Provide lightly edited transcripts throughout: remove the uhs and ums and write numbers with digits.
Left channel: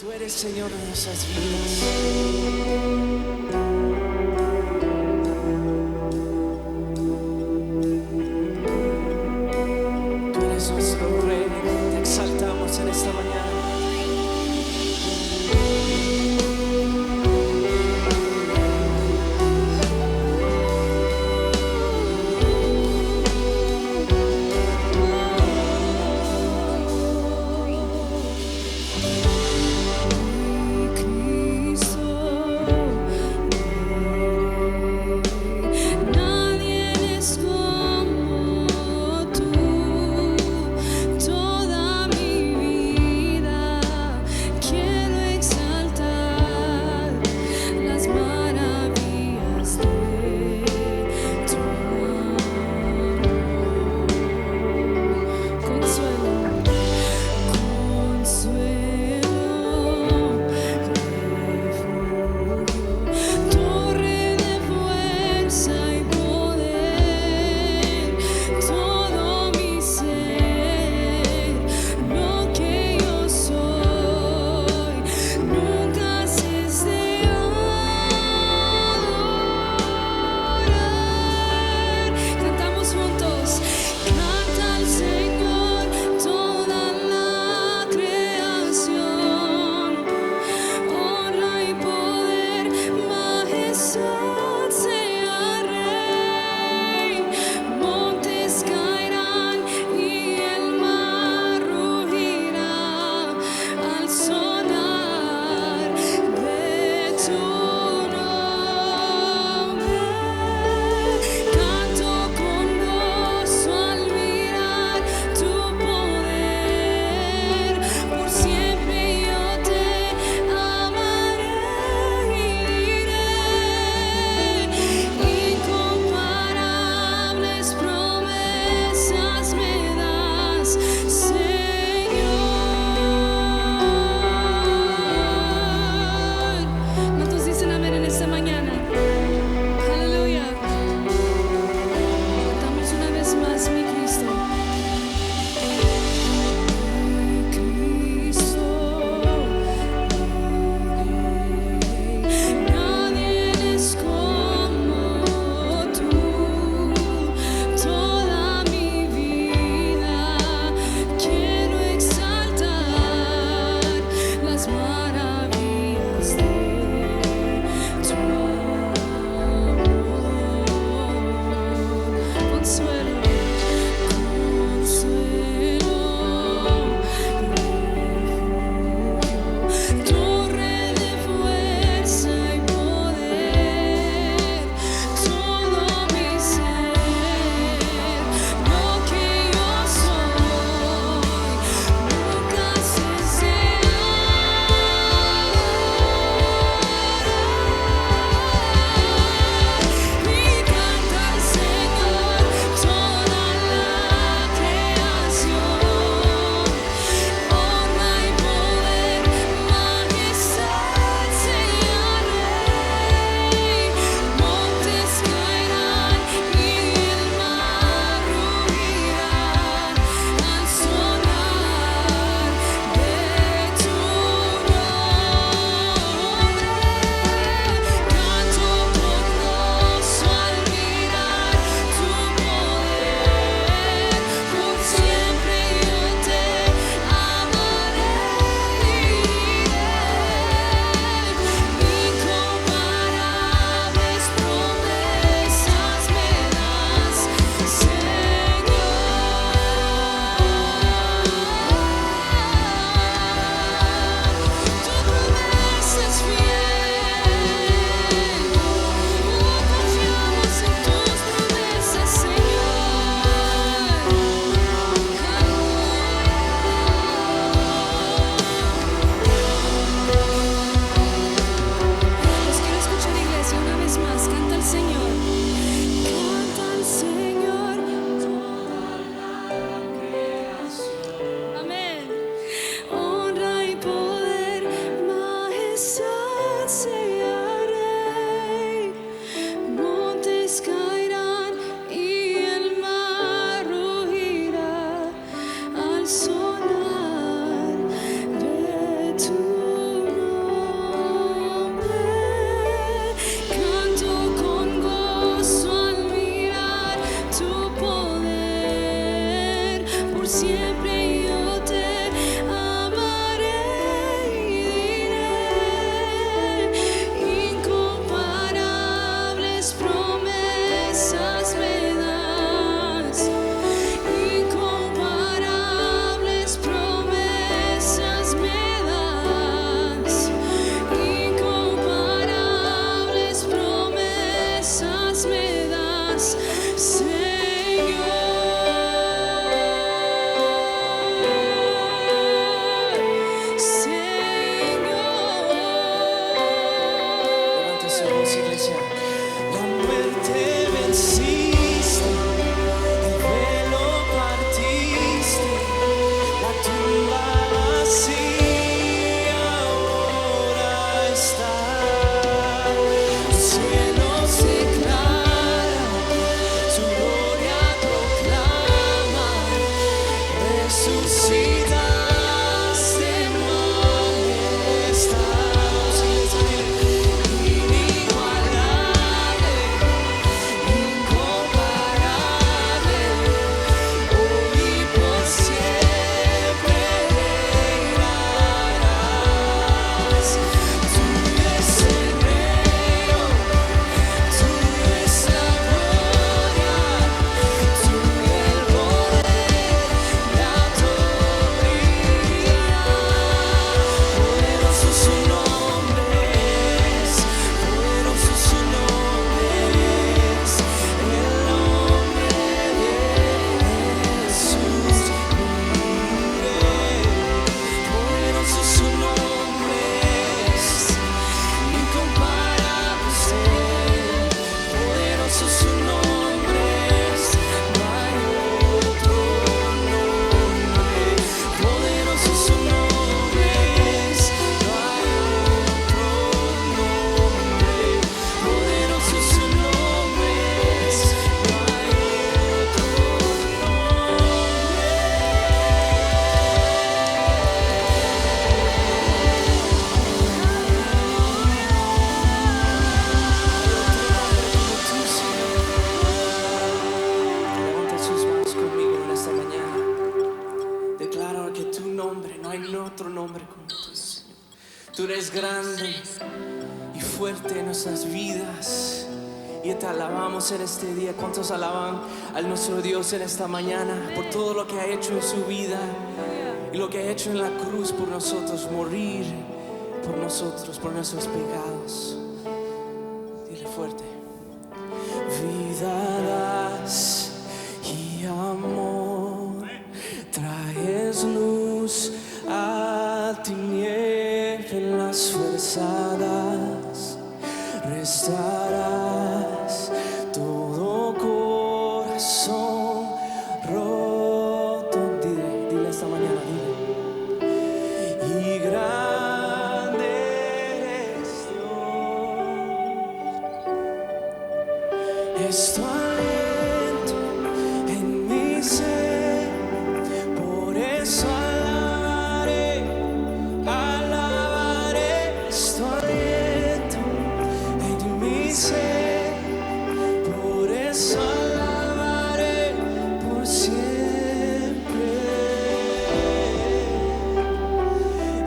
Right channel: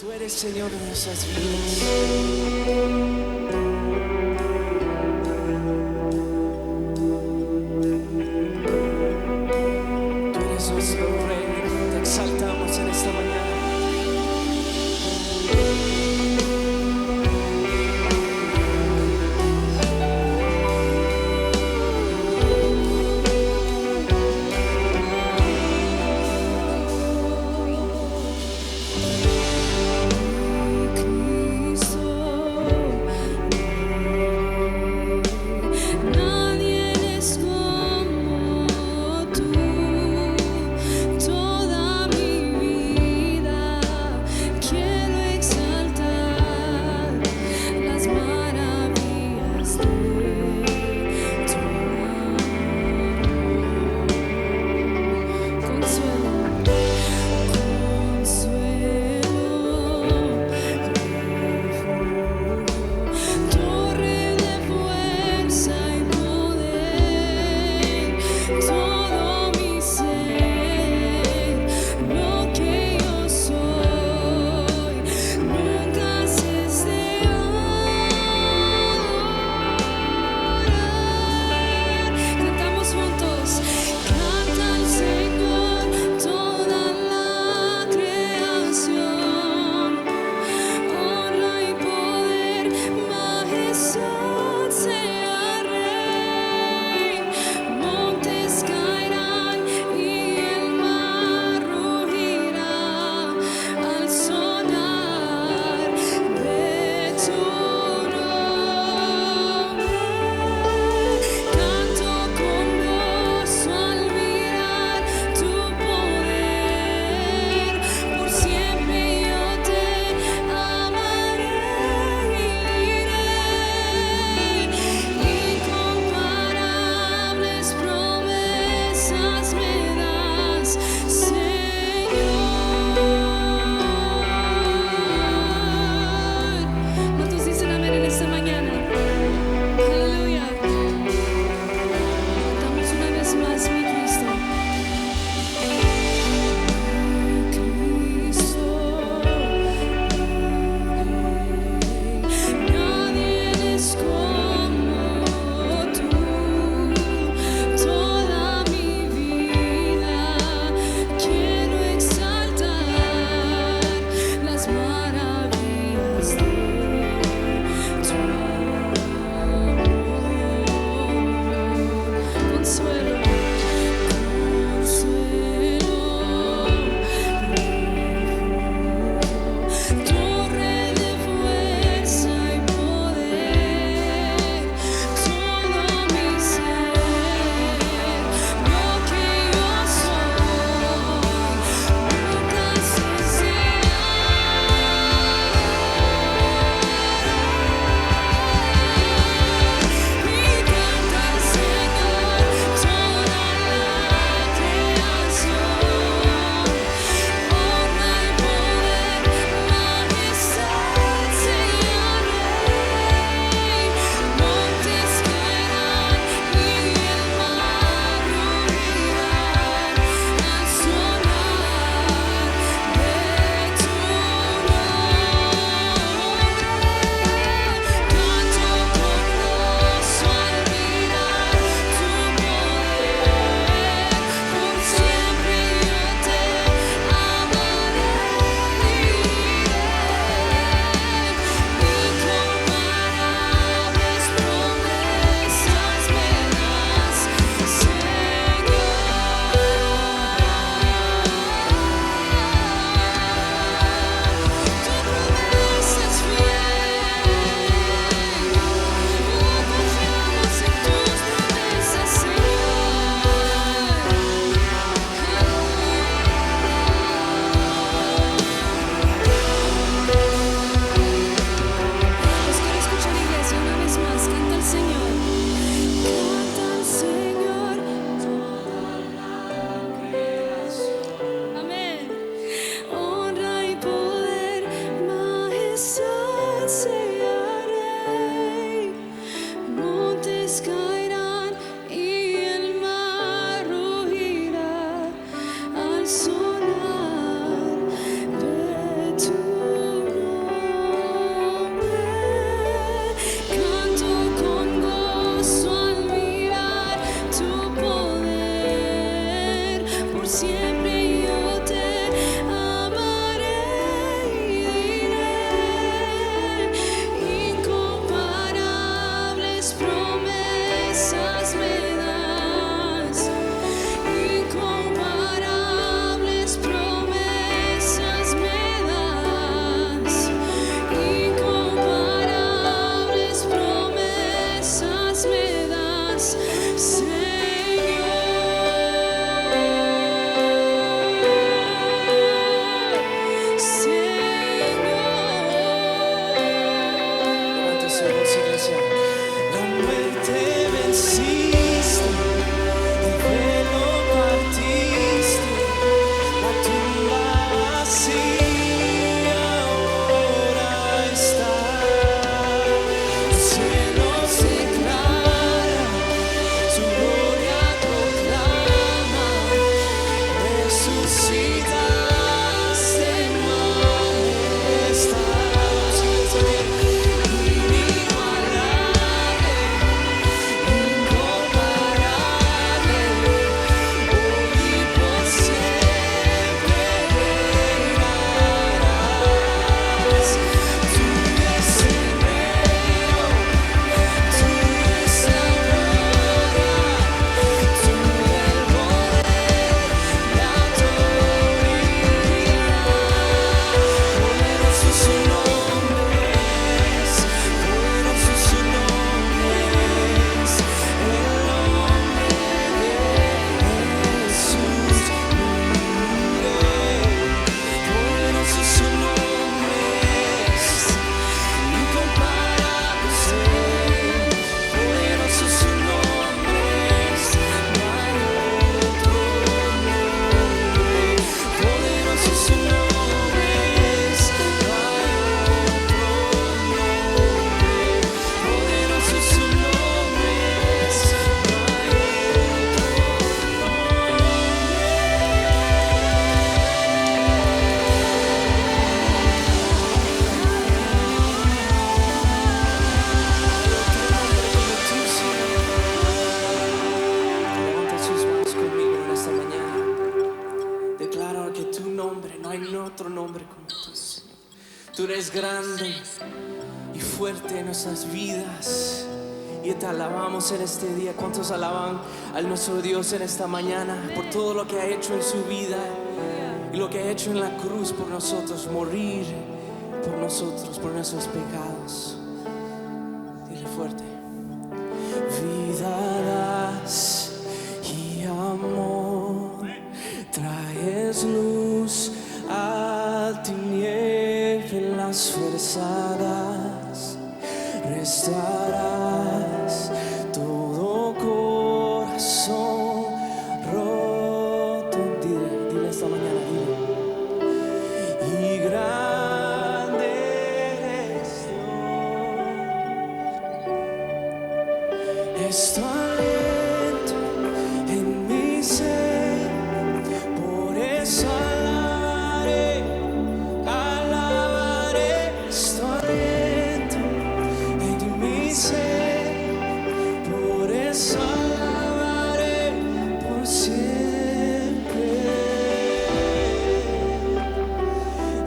Tú eres Señor de nuestras vidas. Tú eres nuestro Rey, te exaltamos en esta mañana. Toda mi vida Tú eres grande y fuerte en nuestras vidas. Y te alabamos en este día. ¿Cuántos alaban a nuestro Dios en esta mañana por todo lo que ha hecho en su vida y lo que ha hecho en la cruz por nosotros, morir por nosotros, por nuestros pecados? Dile fuerte. Vida das y amor, traes luz a tinieblas forzadas, restaurarás todo corazón roto. Dile esta mañana, dile. Y grande eres Dios, es tu aliento en mi ser, por eso alabaré, es tu aliento en mi ser, por eso alabaré por siempre.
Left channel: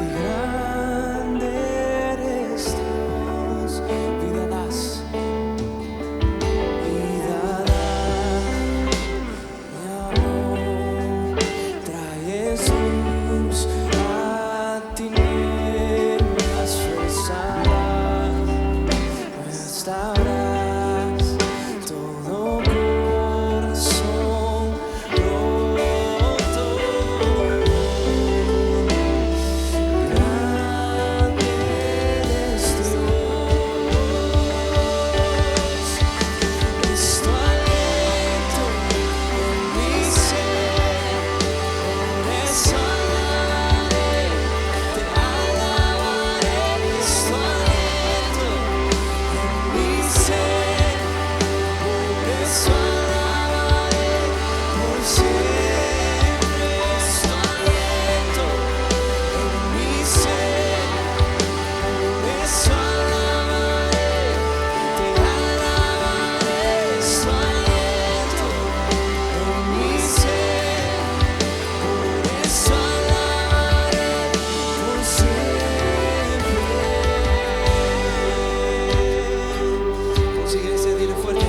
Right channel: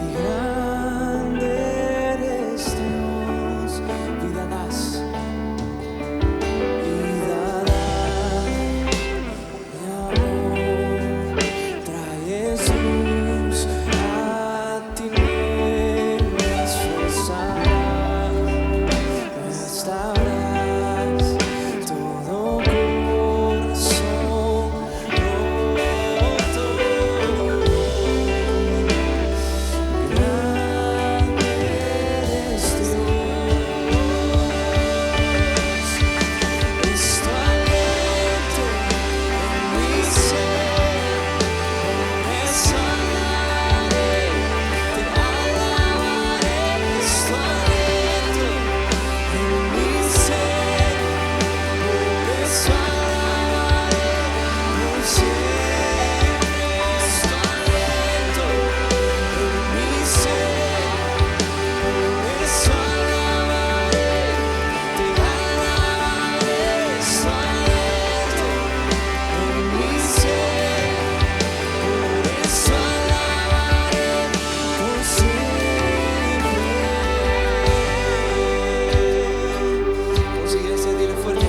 Y grande eres Dios, vida das. Restaurarás todo corazón roto. Grande eres Dios, es tu aliento en mi ser, por eso alabaré, te alabaré, es tu aliento en mi ser, por eso alabaré por siempre. Es tu aliento en mi ser, por eso alabaré, te alabaré. Es tu aliento en mi ser, por eso alabaré por siempre. Vamos, iglesia, dile fuerte.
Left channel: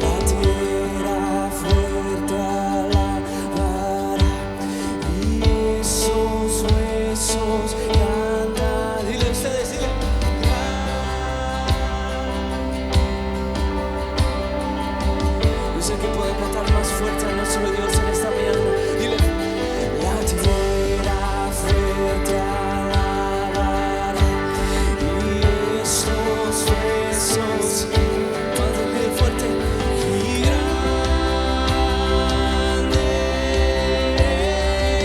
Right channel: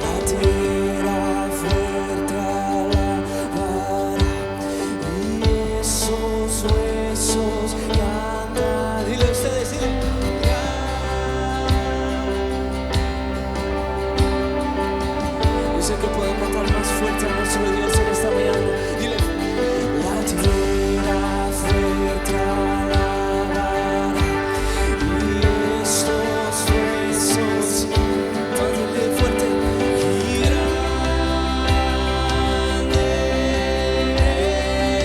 La tierra fuerte alabará y esos huesos cantan. Dile ustedes, dile. Yo sé que pueden cantar más fuerte a nuestro Dios en esta mañana. Dile. La tierra fuerte alabará y estos huesos. Dile fuerte. Y grande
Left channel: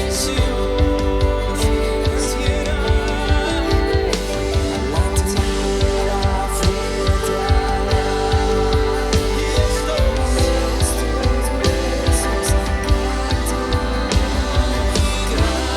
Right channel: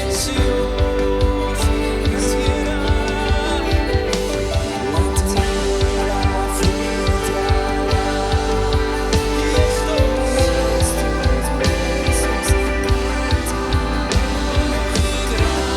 es Dios, naciera. La tierra fuerte alabará y estos huesos cantan. Y grande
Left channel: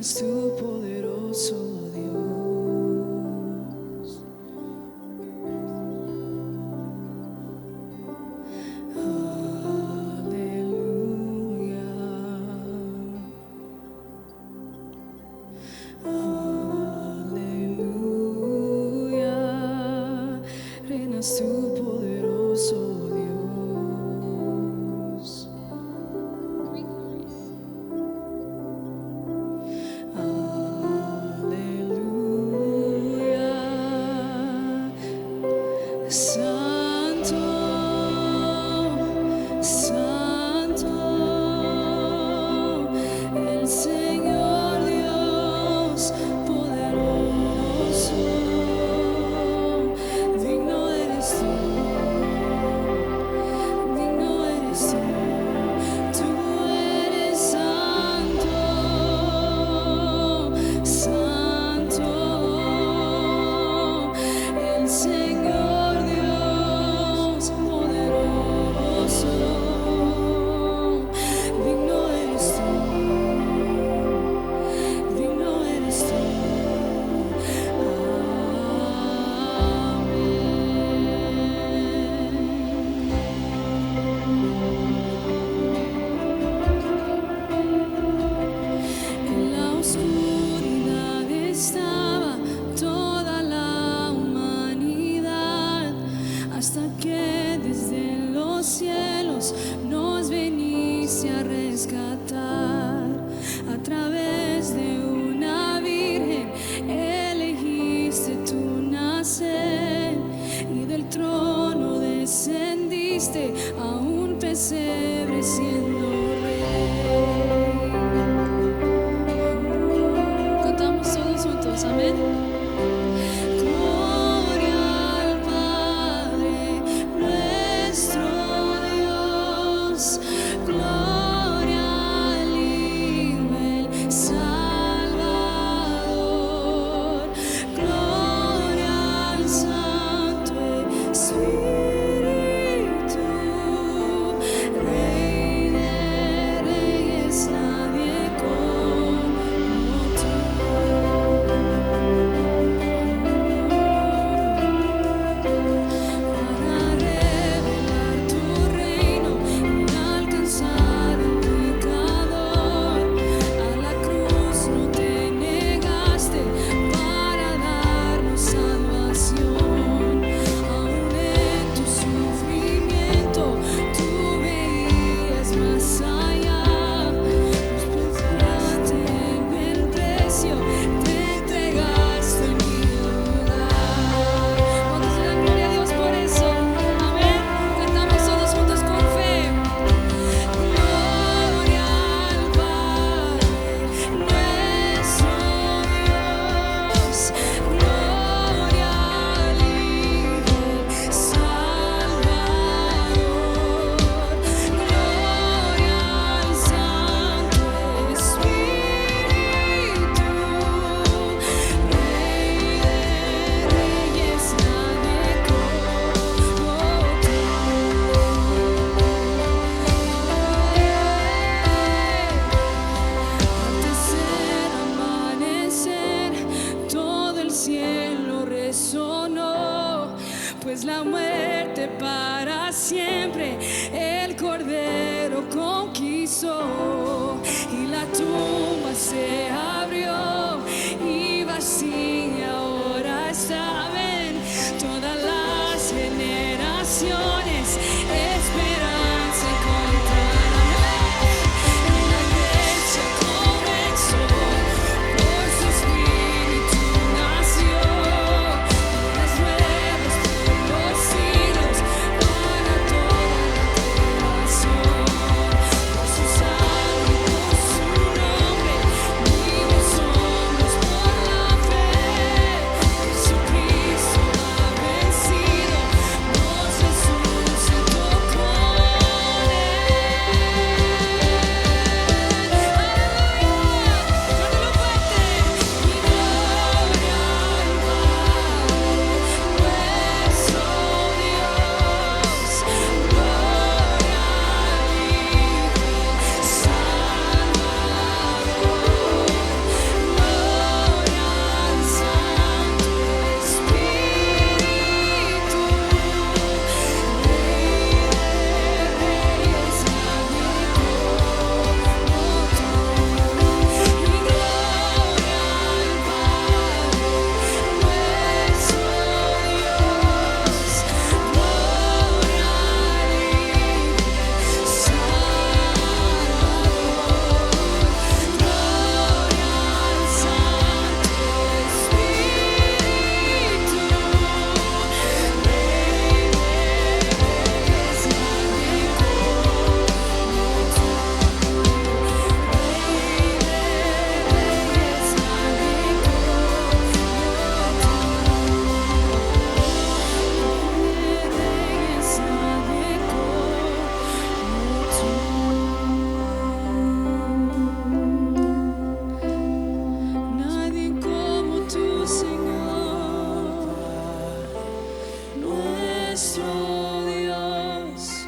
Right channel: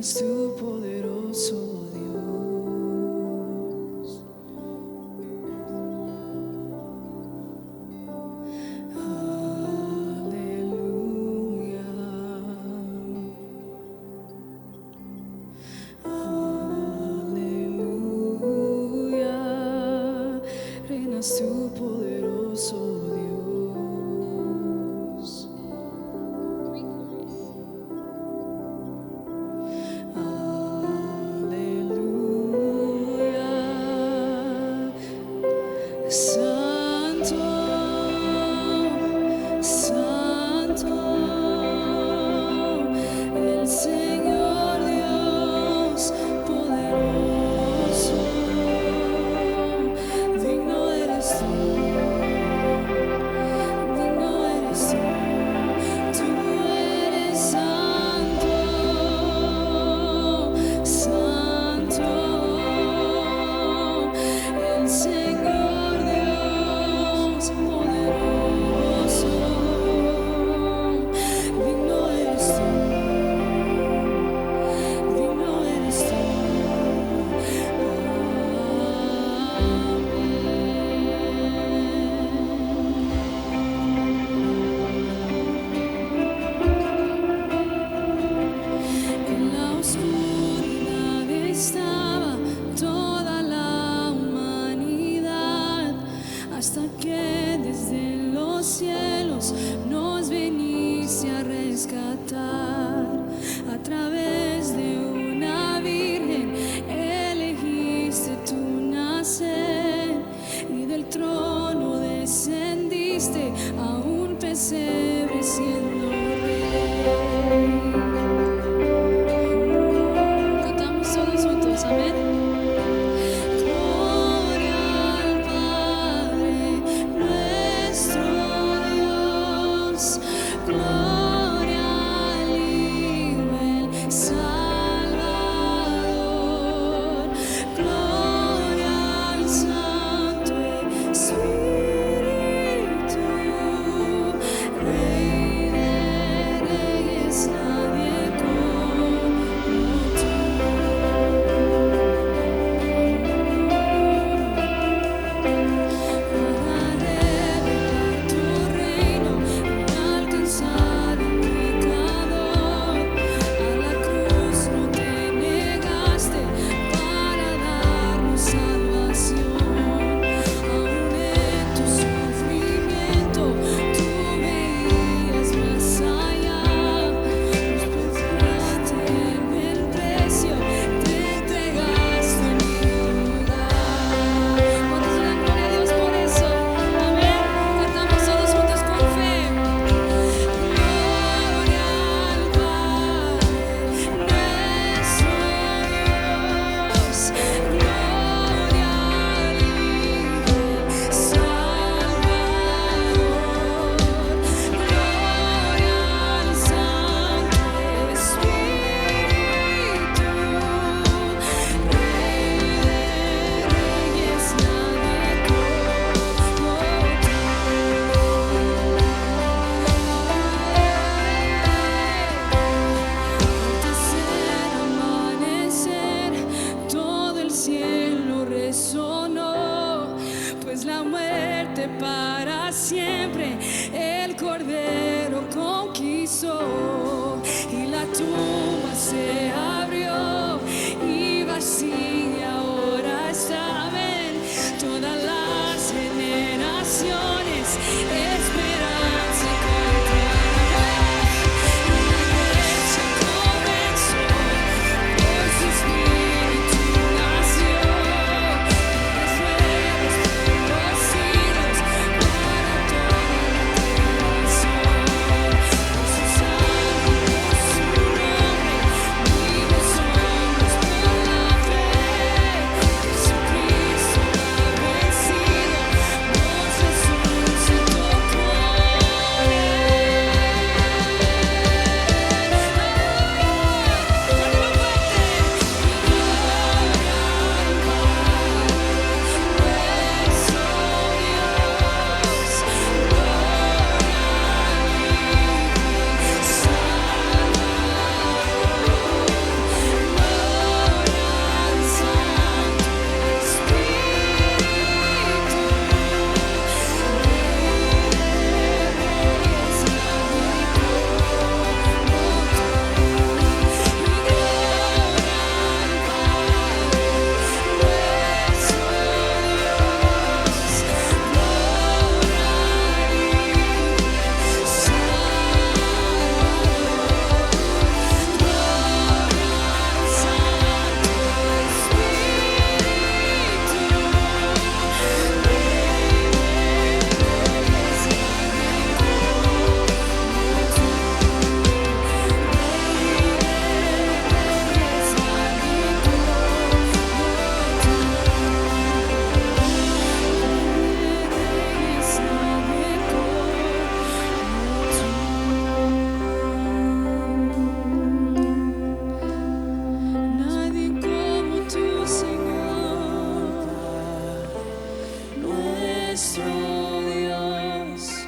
reinas tú, poderoso Dios. Aleluya, aleluya, reinas tú, poderoso Dios. Aleluya, Santo, Santo, el Señor Dios poderoso, digno eres tú, digno eres tú. Tú eres santo, santo, el Señor Dios poderoso, digno eres tú, digno eres tú. En la oscuridad estaba toda la humanidad, hasta que desde los cielos nos viniste a rescatar. A través de una virgen elegiste tu nacer, y del trono descendiste a un pesebre siendo rey. Cantamos todos juntos, amén. Gloria al Padre nuestro Dios, gloria al Hijo el Salvador, gloria al Santo Espíritu, Rey de reyes, nadie como tú. Para revelar tu reino y alcanzar al pecador, a la cruz no te negaste para darnos salvación. Aún en tu sufrimiento tú veías más allá, nos pagaste el precio, te entregaste en mi lugar. ¿Cuántos le dan gloria a Dios por eso? Amén. Cantamos todos juntos con fe. Gloria al Padre nuestro Dios, gloria al Hijo Salvador, gloria al Santo Espíritu, Rey de reyes, nadie como tú. Al tercer amanecer, todo el cielo resonó, pues la muerte para siempre el Cordero conquistó, y la tumba se abrió y vacía ahora está. Amén. Todas las generaciones esperanza encontrarán. La iglesia comenzó, por su espíritu nació, vidas nuevas por los siglos, para toda la creación. Por su sangre, por su nombre, vivos somos por la fe. nuestro Dios.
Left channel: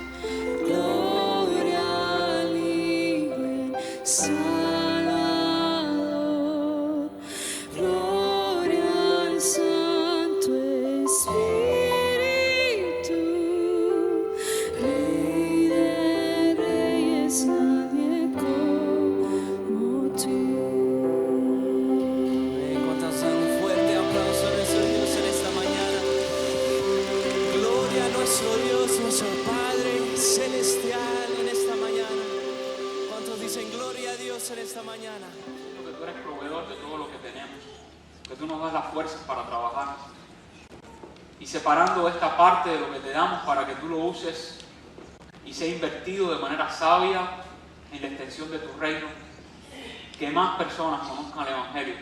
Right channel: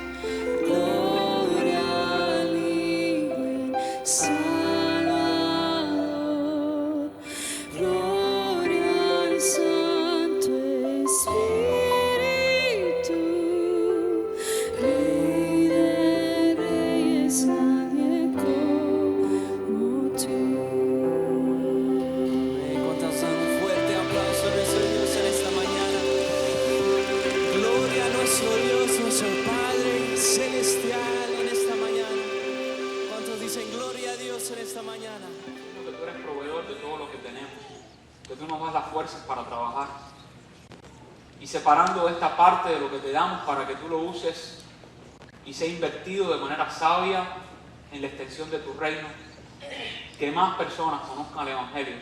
Gloria al Hijo el Salvador. Gloria al Santo Espíritu. Rey de reyes, nadie como tú. ¿Cuántos dan un fuerte aplauso a nuestro Dios en esta mañana? Gloria a nuestro Dios, nuestro Padre celestial en esta mañana. ¿Cuántos dicen gloria a Dios en esta mañana? Que tú eres proveedor de todo lo que tenemos, que tú nos das las fuerzas para trabajar, y separando esta parte de lo que te damos para que tú lo uses y sea invertido de manera sabia en la extensión de tu reino, que más personas conozcan el Evangelio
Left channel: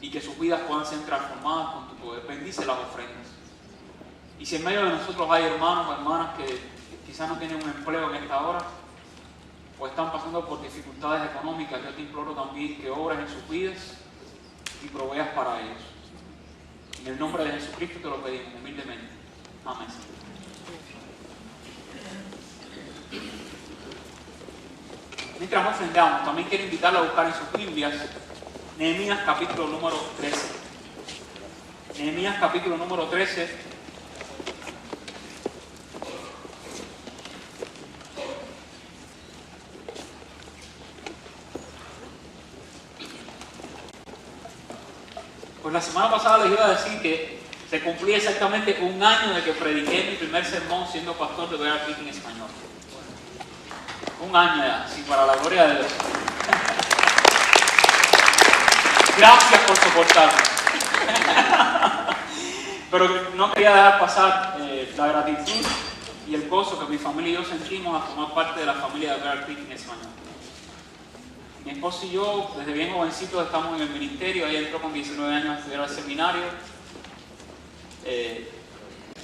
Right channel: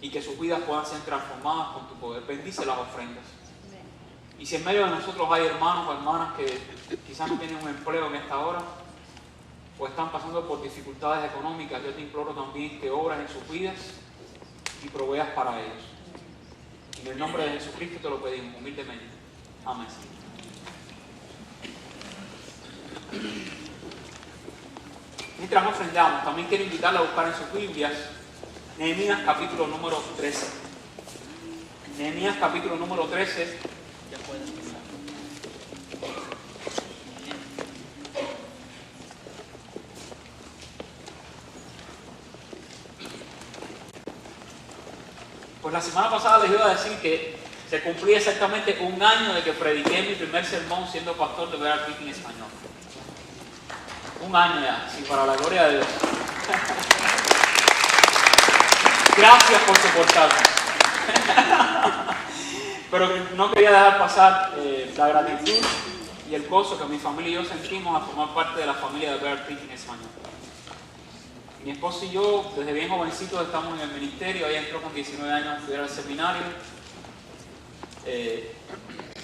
y que sus vidas puedan ser transformadas con tu poder. Bendice las ofrendas. Y si en medio de nosotros hay hermanos o hermanas que quizás no tienen un empleo en esta hora o están pasando por dificultades económicas, yo te imploro también que obres en sus vidas y proveas para ellos. En el nombre de Jesucristo te lo pedimos humildemente. Amén, Señor. Mientras ofrendamos, también quiero invitarle a buscar en sus Biblias Nehemías capítulo número 13. Nehemías capítulo número 13. Pues la semana pasada les iba a decir que se cumplía exactamente un año de que prediqué mi primer sermón siendo pastor de Bear Creek en español. Un año ya, sí, para la gloria de Dios. Gracias por soportarme. Pero no quería dejar pasar la gratitud y el gozo que mi familia y yo sentimos a formar parte de la familia de Bear Creek en español. Mi esposo y yo, desde bien jovencitos, estamos en el ministerio. Ella entró con 19 años a estudiar al seminario.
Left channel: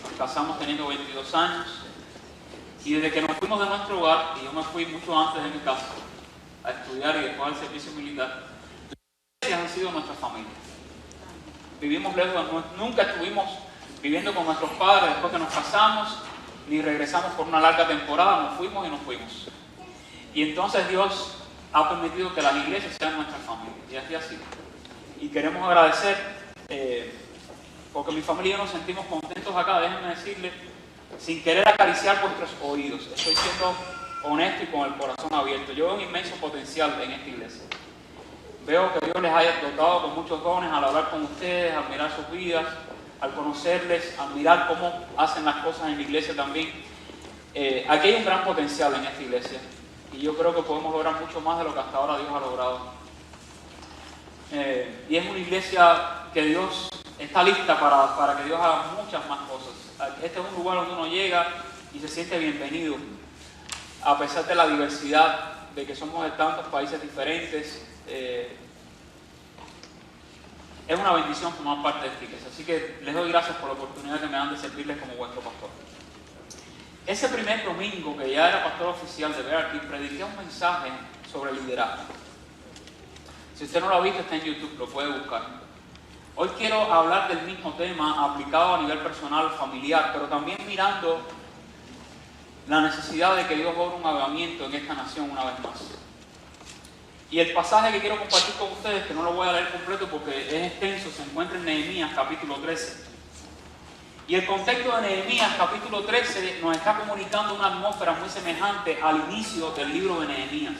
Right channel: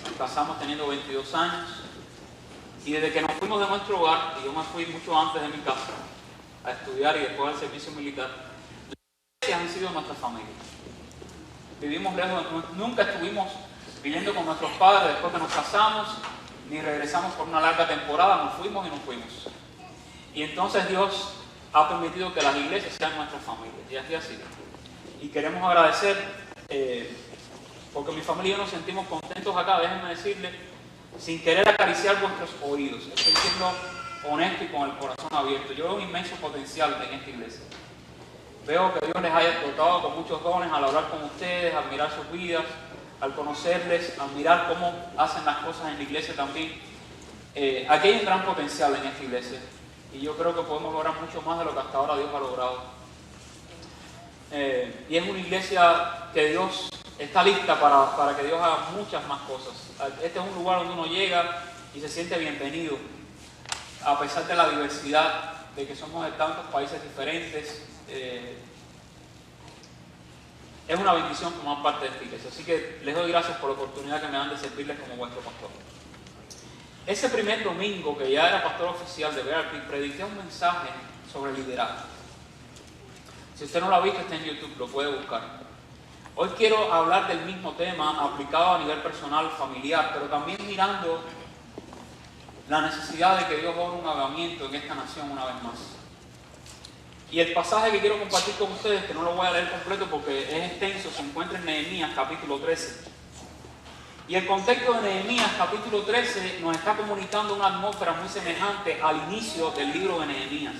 Nos casamos teniendo 22 años. Y desde que nos fuimos de nuestro hogar, y yo me fui mucho antes de mi casa a estudiar y después del servicio militar, las iglesias han sido nuestra familia. Vivimos lejos, nunca estuvimos viviendo con nuestros padres después que nos casamos, ni regresamos por una larga temporada, nos fuimos y nos fuimos. Y entonces Dios ha permitido que las iglesias sean nuestras familias, y así ha sido. Y queremos agradecer, porque mi familia y yo nos sentimos contentos acá, déjenme decirles, sin querer acariciar vuestros oídos. Estoy siendo honesto y con el corazón abierto. Yo veo un inmenso potencial en esta iglesia. Veo que Dios les haya dotado con muchos dones al hablar con ustedes, al mirar sus vidas, al conocerles, al mirar cómo hacen las cosas en la iglesia también. Aquí hay un gran potencial en esta iglesia. Y yo creo que podemos lograr mucho más de lo que hasta ahora Dios ha logrado. Y es una iglesia que Dios está lista para que Dios haga muchas más cosas. Este es un lugar donde uno llega y se siente bienvenido, a pesar de la diversidad, de que somos de tantos países diferentes. Es una bendición formar parte de esta iglesia. Así que les doy gracias por la oportunidad que me dan de servirles como vuestro pastor. Ese primer domingo, que ya era pastor oficial de Bear Creek, prediqué un mensaje sobre liderazgo. Si usted no lo ha visto, está en YouTube, lo puede buscar. Hoy quiero hablar del mismo tema aplicado a nivel personal, familiar, pero también mirando la necesidad de que Dios haga un avivamiento en esta nación una vez más. Y el pasaje que quiero compartir con ustedes, que no lo voy a leer completo porque es extenso, se encuentra en Nehemías capítulo 13. Y el contexto de Nehemías capítulo 13 nos está comunicando una atmósfera muy semejante al inicio del libro de Nehemías.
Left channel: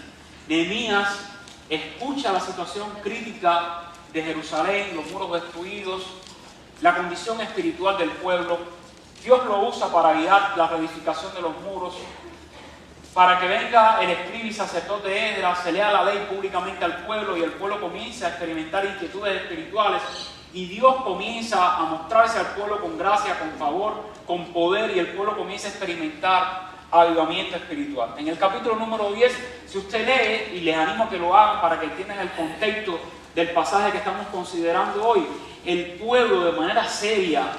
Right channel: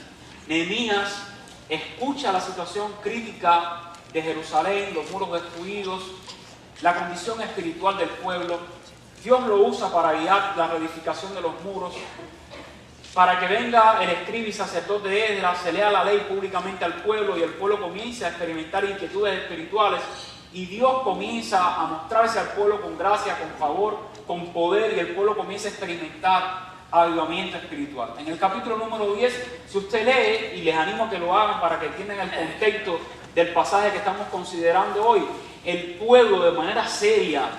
Nehemías escucha la situación crítica de Jerusalén, los muros destruidos, la condición espiritual del pueblo. Dios lo usa para guiar la reedificación de los muros, para que venga el escriba y sacerdote Esdras, se lea la ley públicamente al pueblo y el pueblo comience a experimentar inquietudes espirituales y Dios comienza a mostrarse al pueblo con gracia, con favor, con poder, y el pueblo comienza a experimentar avivamiento espiritual. En el capítulo número 10, si usted lee, y les animo a que lo hagan para que entiendan el contexto del pasaje que estamos considerando hoy, el pueblo de manera seria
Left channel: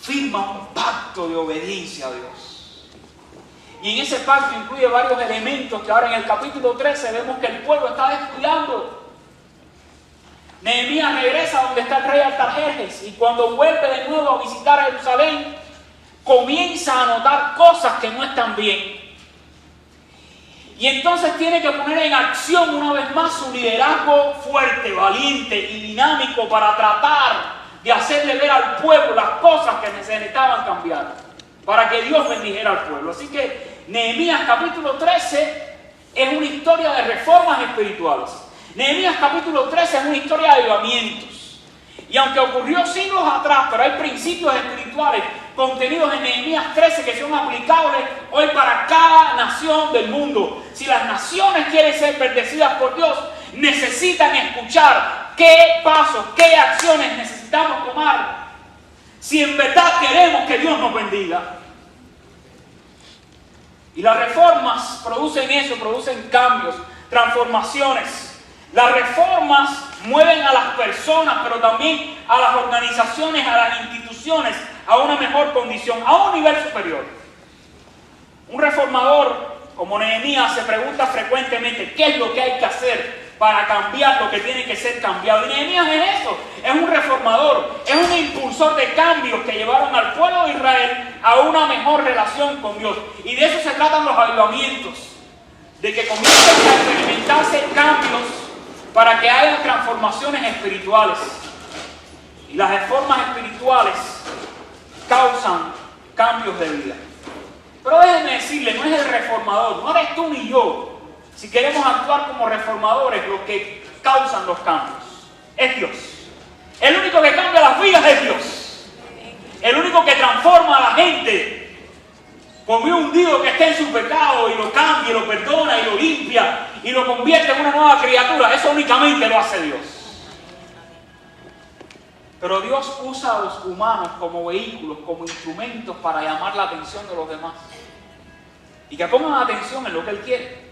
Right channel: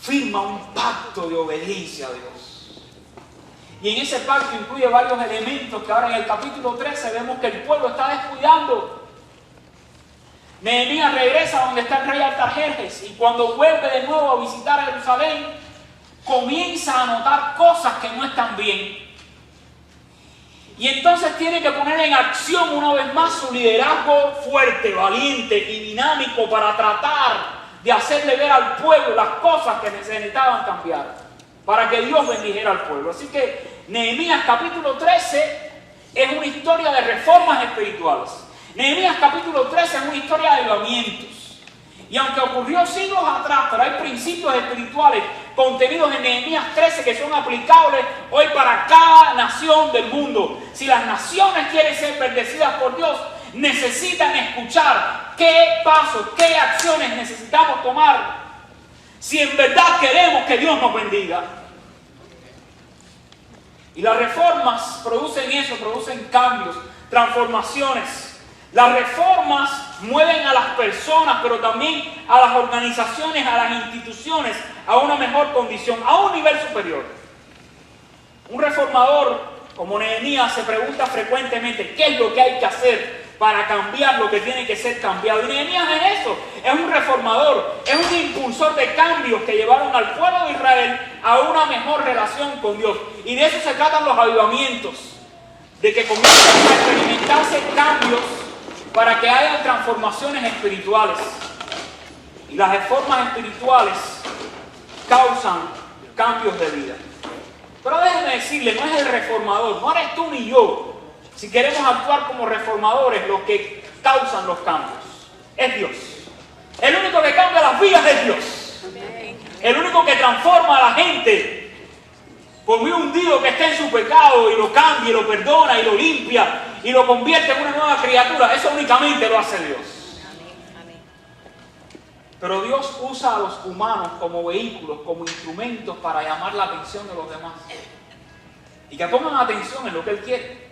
firma un pacto de obediencia a Dios. Y en ese pacto incluye varios elementos que ahora en el capítulo 13 vemos que el pueblo está descuidando. Nehemías regresa donde está el rey Artajerjes, y cuando vuelve de nuevo a visitar a Jerusalén, comienza a notar cosas que no están bien. Y entonces tiene que poner en acción una vez más su liderazgo fuerte, valiente y dinámico para tratar de hacerle ver al pueblo las cosas que necesitaban cambiar, para que Dios bendijera al pueblo. Así que Nehemías capítulo 13 es una historia de reformas espirituales. Nehemías capítulo 13 es una historia de avivamientos. Y aunque ocurrió siglos atrás, pero hay principios espirituales contenidos en Nehemías 13 que son aplicables hoy para cada nación del mundo. Si las naciones quieren ser bendecidas por Dios, necesitan escuchar qué pasos, qué acciones necesitamos tomar si en verdad queremos que Dios nos bendiga. Y las reformas producen eso, producen cambios, transformaciones. Las reformas mueven a las personas, pero también a las organizaciones, a las instituciones, a una mejor condición, a un nivel superior. Un reformador como Nehemías se pregunta frecuentemente qué es lo que hay que hacer para cambiar lo que tiene que ser cambiado. Y Nehemías es eso, es un reformador, es un impulsor de cambios que llevaron al pueblo de Israel a una mejor relación con Dios. Y de eso se tratan los avivamientos, de que comiencen a experimentarse cambios para que haya transformaciones espirituales. Y las reformas espirituales causan cambios de vida. Pero déjenme decirle, no es el reformador, no eres tú ni yo. Si queremos actuar como reformadores, los que causan los cambios es Dios. El único que cambia las vidas es Dios. El único que transforma a la gente, por muy hundido que esté en su pecado, y lo cambia, y lo perdona, y lo limpia, y lo convierte en una nueva criatura, eso únicamente lo hace Dios. Pero Dios usa a los humanos como vehículos, como instrumentos para llamar la atención de los demás. Y que pongan atención en lo que Él quiere.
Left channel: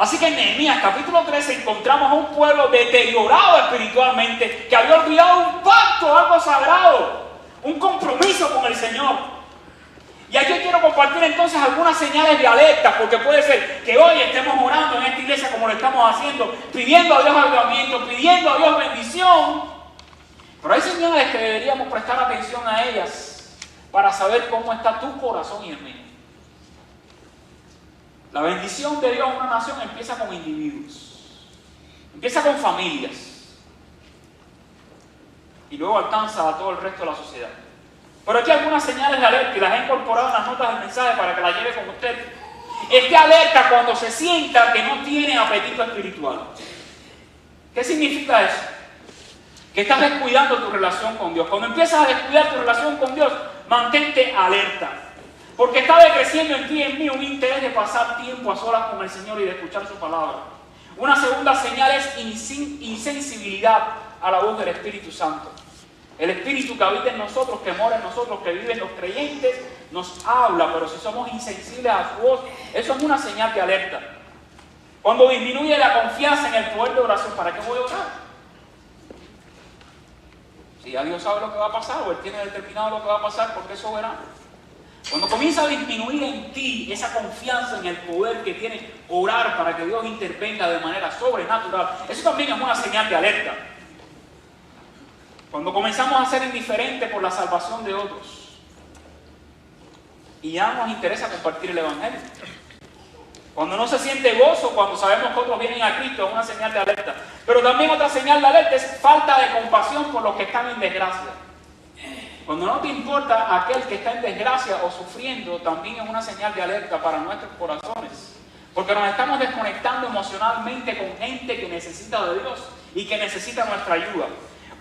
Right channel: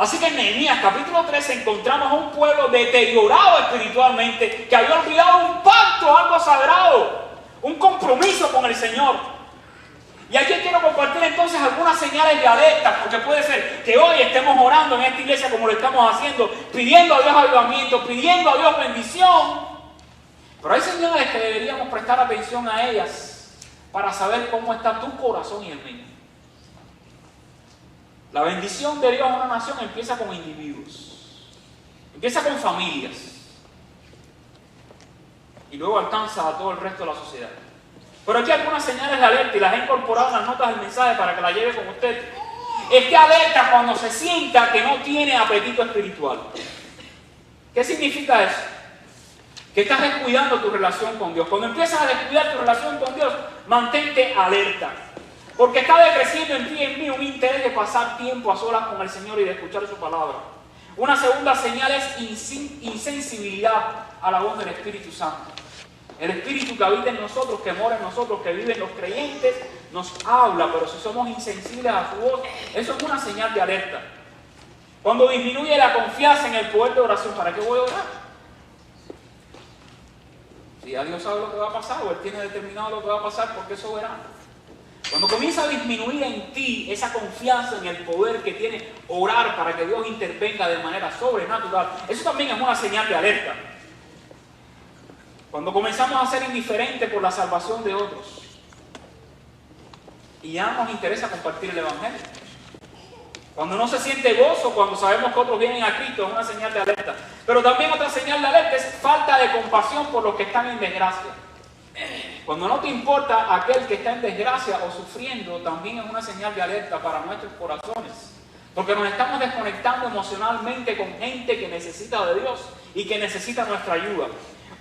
Así que en Nehemías capítulo 13 encontramos a un pueblo deteriorado espiritualmente, que había olvidado un pacto, algo sagrado, un compromiso con el Señor. Y aquí quiero compartir entonces algunas señales de alerta, porque puede ser que hoy estemos orando en esta iglesia como lo estamos haciendo, pidiendo a Dios avivamiento, pidiendo a Dios bendición. Pero hay señales que deberíamos prestar atención a ellas para saber cómo está tu corazón y el mío. La bendición de Dios a una nación empieza con individuos, empieza con familias y luego alcanza a todo el resto de la sociedad. Pero aquí hay algunas señales de alerta y las he incorporado en las notas del mensaje para que las lleve con usted. Es que alerta cuando se sienta que no tiene apetito espiritual. ¿Qué significa eso? Que estás descuidando tu relación con Dios. Cuando empiezas a descuidar tu relación con Dios, mantente alerta. Porque está decreciendo en ti y en mí un interés de pasar tiempo a solas con el Señor y de escuchar su palabra. Una segunda señal es insensibilidad a la voz del Espíritu Santo. El Espíritu que habita en nosotros, que mora en nosotros, que vive en los creyentes, nos habla, pero si somos insensibles a su voz, eso es una señal de alerta. Cuando disminuye la confianza en el poder de oración, ¿para qué voy a orar? Si ya Dios sabe lo que va a pasar, o Él tiene determinado lo que va a pasar, porque es soberano. Cuando comienza a disminuir en ti esa confianza en el poder que tiene orar para que Dios intervenga de manera sobrenatural, eso también es una señal de alerta. Cuando comenzamos a ser indiferentes por la salvación de otros y ya no nos interesa compartir el Evangelio. Cuando no se siente gozo, cuando sabemos que otros vienen a Cristo, es una señal de alerta. Pero también otra señal de alerta es falta de compasión por los que están en desgracia. Cuando no te importa aquel que está en desgracia o sufriendo, también es una señal de alerta para nuestros corazones. Porque nos estamos desconectando emocionalmente con gente que necesita de Dios y que necesita nuestra ayuda.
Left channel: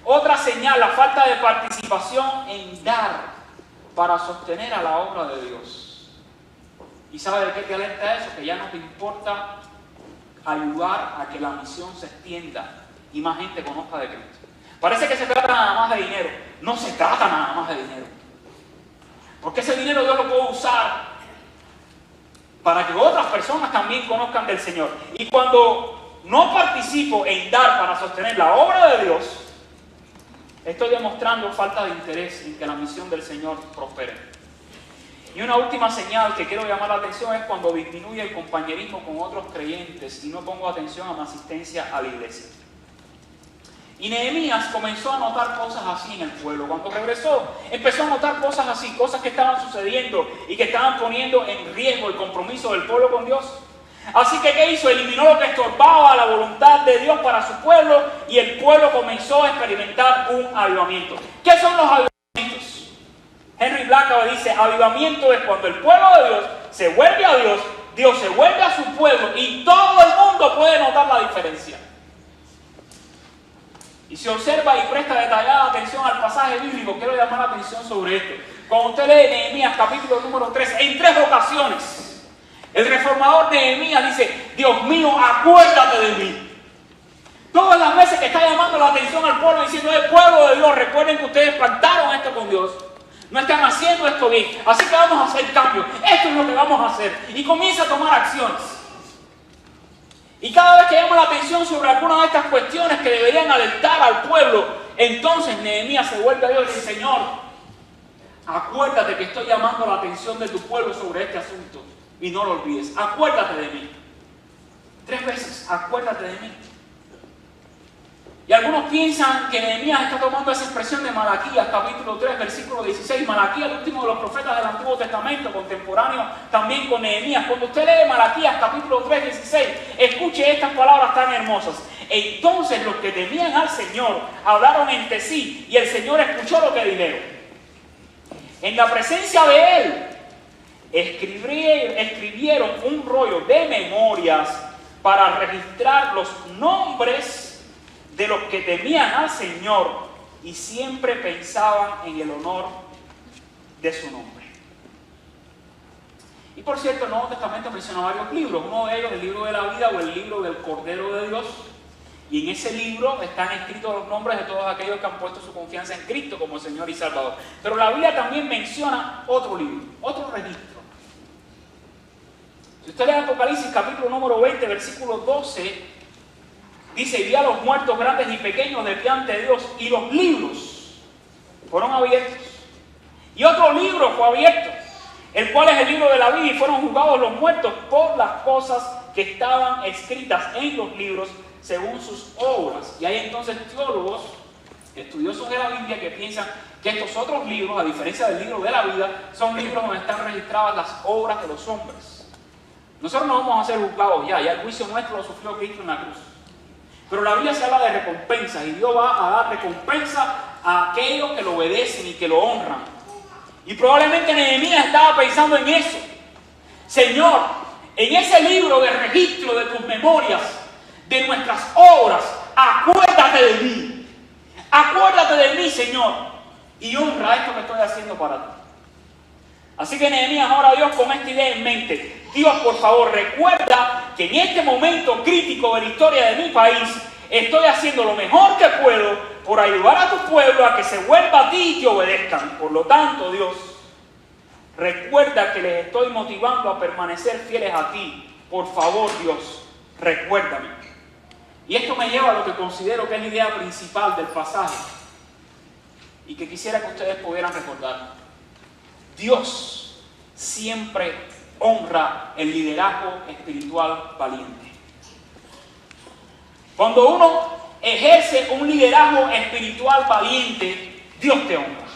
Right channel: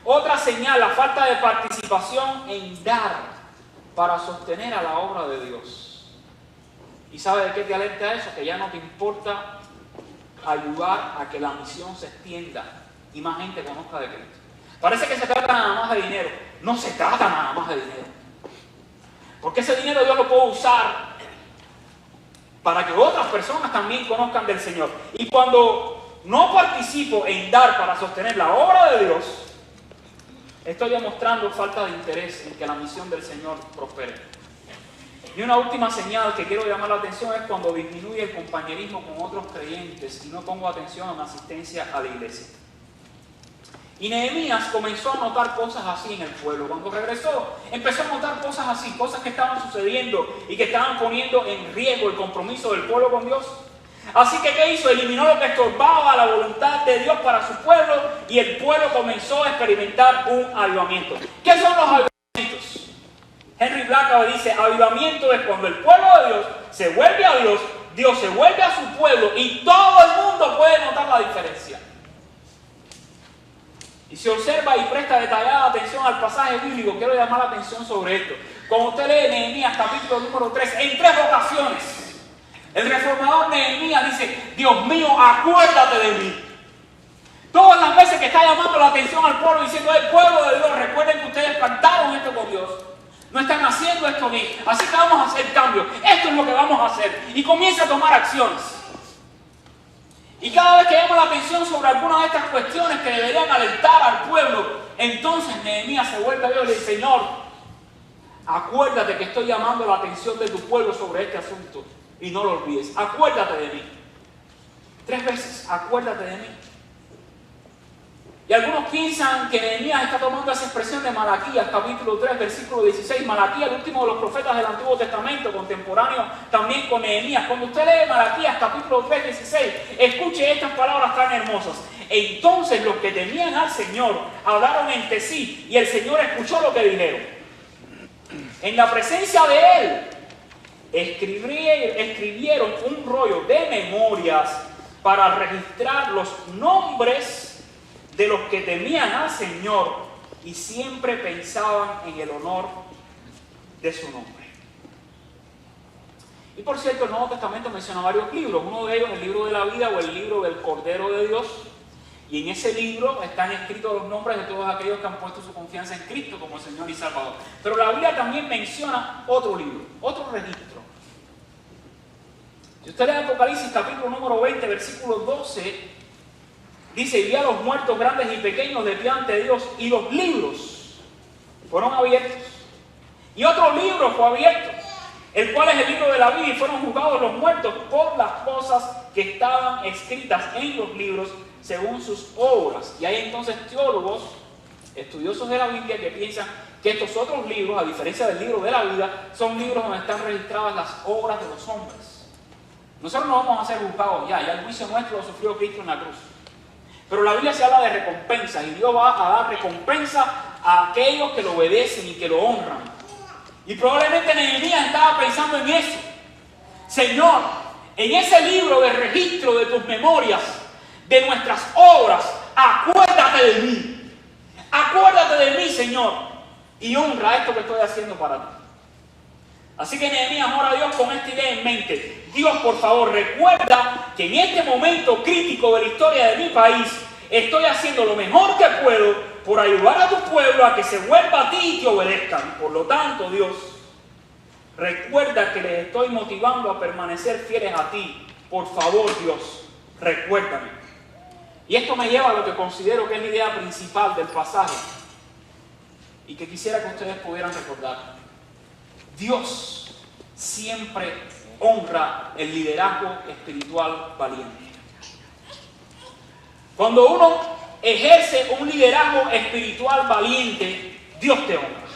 Otra señal, la falta de participación en dar para sostener a la obra de Dios. ¿Y sabe de qué te alerta eso? Que ya no te importa ayudar a que la misión se extienda y más gente conozca de Cristo. Parece que se trata nada más de dinero. No se trata nada más de dinero. Porque ese dinero Dios lo puede usar para que otras personas también conozcan del Señor. Y cuando no participo en dar para sostener la obra de Dios, estoy demostrando falta de interés en que la misión del Señor prospere. Y una última señal que quiero llamar la atención es cuando disminuye el compañerismo con otros creyentes y no pongo atención a mi asistencia a la iglesia. Y Nehemías comenzó a notar cosas así en el pueblo. Cuando regresó, empezó a notar cosas así, cosas que estaban sucediendo y que estaban poniendo en riesgo el compromiso del pueblo con Dios. Así que, ¿qué hizo? Eliminó lo que estorbaba la voluntad de Dios para su pueblo y el pueblo comenzó a experimentar un avivamiento. ¿Qué son los avivamientos? Henry Blackaby dice, avivamiento es cuando el pueblo de Dios se vuelve a Dios, Dios se vuelve a su pueblo y todo el mundo puede notar la diferencia. Y si observa y presta detallada atención al pasaje bíblico, quiero llamar la atención sobre esto. Cuando usted lee Nehemías capítulo número 3, en 3 ocasiones, el reformador Nehemías dice, Dios mío, acuérdate de mí. Todas las veces que está llamando la atención al pueblo diciendo, el pueblo de Dios, recuerden que ustedes pactaron esto con Dios. No están haciendo esto bien, así que vamos a hacer cambios. Esto es lo que vamos a hacer. Y comienza a tomar acciones. Y cada vez que llama la atención sobre alguna de estas cuestiones que deberían alertar al pueblo, entonces Nehemías se vuelve a Dios y dice, Señor, acuérdate que estoy llamando la atención de tu pueblo sobre este asunto y no lo olvides. Acuérdate de mí. 3 veces, acuérdate de mí. Y algunos piensan que Nehemías está tomando esa expresión de Malaquías, capítulo 3, versículo 16. Malaquías, el último de los profetas del Antiguo Testamento, contemporáneo también con Nehemías. Cuando usted lee Malaquías, capítulo 3, 16, escuche estas palabras tan hermosas. Entonces los que temían al Señor hablaron entre sí y el Señor escuchó lo que dijeron. En la presencia de Él escribieron un rollo de memorias para registrar los nombres de los que temían al Señor y siempre pensaban en el honor de su nombre. Y por cierto, el Nuevo Testamento menciona varios libros, uno de ellos el libro de la vida o el libro del Cordero de Dios, y en ese libro están escritos los nombres de todos aquellos que han puesto su confianza en Cristo como el Señor y Salvador. Pero la Biblia también menciona otro libro, otro registro. Si usted lee Apocalipsis capítulo número 20, versículo 12, dice, y vi a los muertos grandes y pequeños delante de Dios, y los libros fueron abiertos. Y otro libro fue abierto, el cual es el libro de la vida, y fueron juzgados los muertos por las cosas que estaban escritas en los libros según sus obras. Y hay entonces teólogos, estudiosos de la Biblia, que piensan que estos otros libros, a diferencia del libro de la vida, son libros donde están registradas las obras de los hombres. Nosotros no vamos a ser juzgados ya el juicio nuestro lo sufrió Cristo en la cruz. Pero la Biblia se habla de recompensas y Dios va a dar recompensa a aquellos que lo obedecen y que lo honran. Y probablemente Nehemías estaba pensando en eso. Señor, en ese libro de registro de tus memorias, de nuestras obras, acuérdate de mí. Acuérdate de mí, Señor, y honra esto que estoy haciendo para ti. Así que Nehemías ora a Dios con esta idea en mente. Dios, por favor, recuerda que en este momento crítico de la historia de mi país, estoy haciendo lo mejor que puedo por ayudar a tu pueblo a que se vuelva a ti y te obedezcan. Por lo tanto, Dios, recuerda que les estoy motivando a permanecer fieles a ti. Por favor, Dios, recuérdame. Y esto me lleva a lo que considero que es la idea principal del pasaje y que quisiera que ustedes pudieran recordar. Dios siempre honra el liderazgo espiritual valiente. Cuando uno ejerce un liderazgo espiritual valiente, Dios te honra.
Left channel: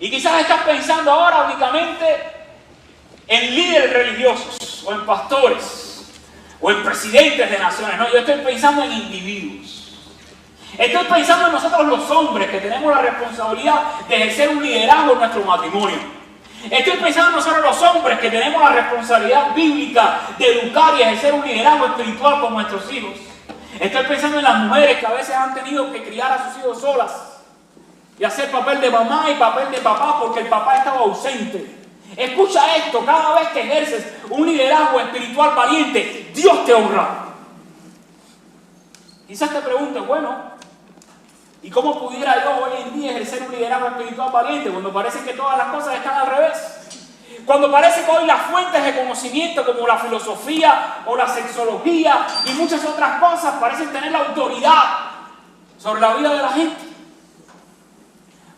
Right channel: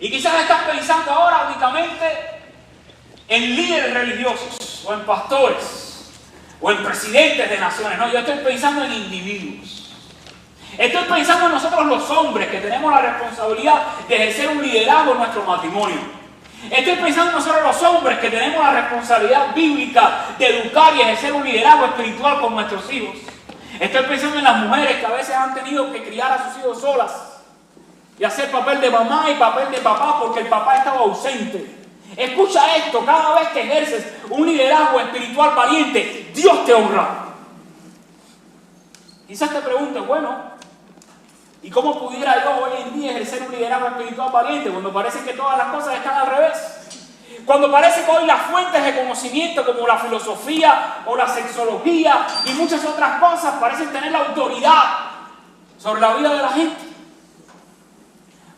Y quizás estás pensando ahora únicamente en líderes religiosos, o en pastores, o en presidentes de naciones. No, yo estoy pensando en individuos. Estoy pensando en nosotros los hombres que tenemos la responsabilidad de ejercer un liderazgo en nuestro matrimonio. Estoy pensando en nosotros los hombres que tenemos la responsabilidad bíblica de educar y ejercer un liderazgo espiritual con nuestros hijos. Estoy pensando en las mujeres que a veces han tenido que criar a sus hijos solas y hacer papel de mamá y papel de papá porque el papá estaba ausente. Escucha esto, cada vez que ejerces un liderazgo espiritual valiente, Dios te honra. Quizás te preguntes, bueno, ¿y cómo pudiera yo hoy en día ejercer un liderazgo espiritual valiente cuando parece que todas las cosas están al revés? Cuando parece que hoy las fuentes de conocimiento como la filosofía o la sexología y muchas otras cosas parecen tener la autoridad sobre la vida de la gente.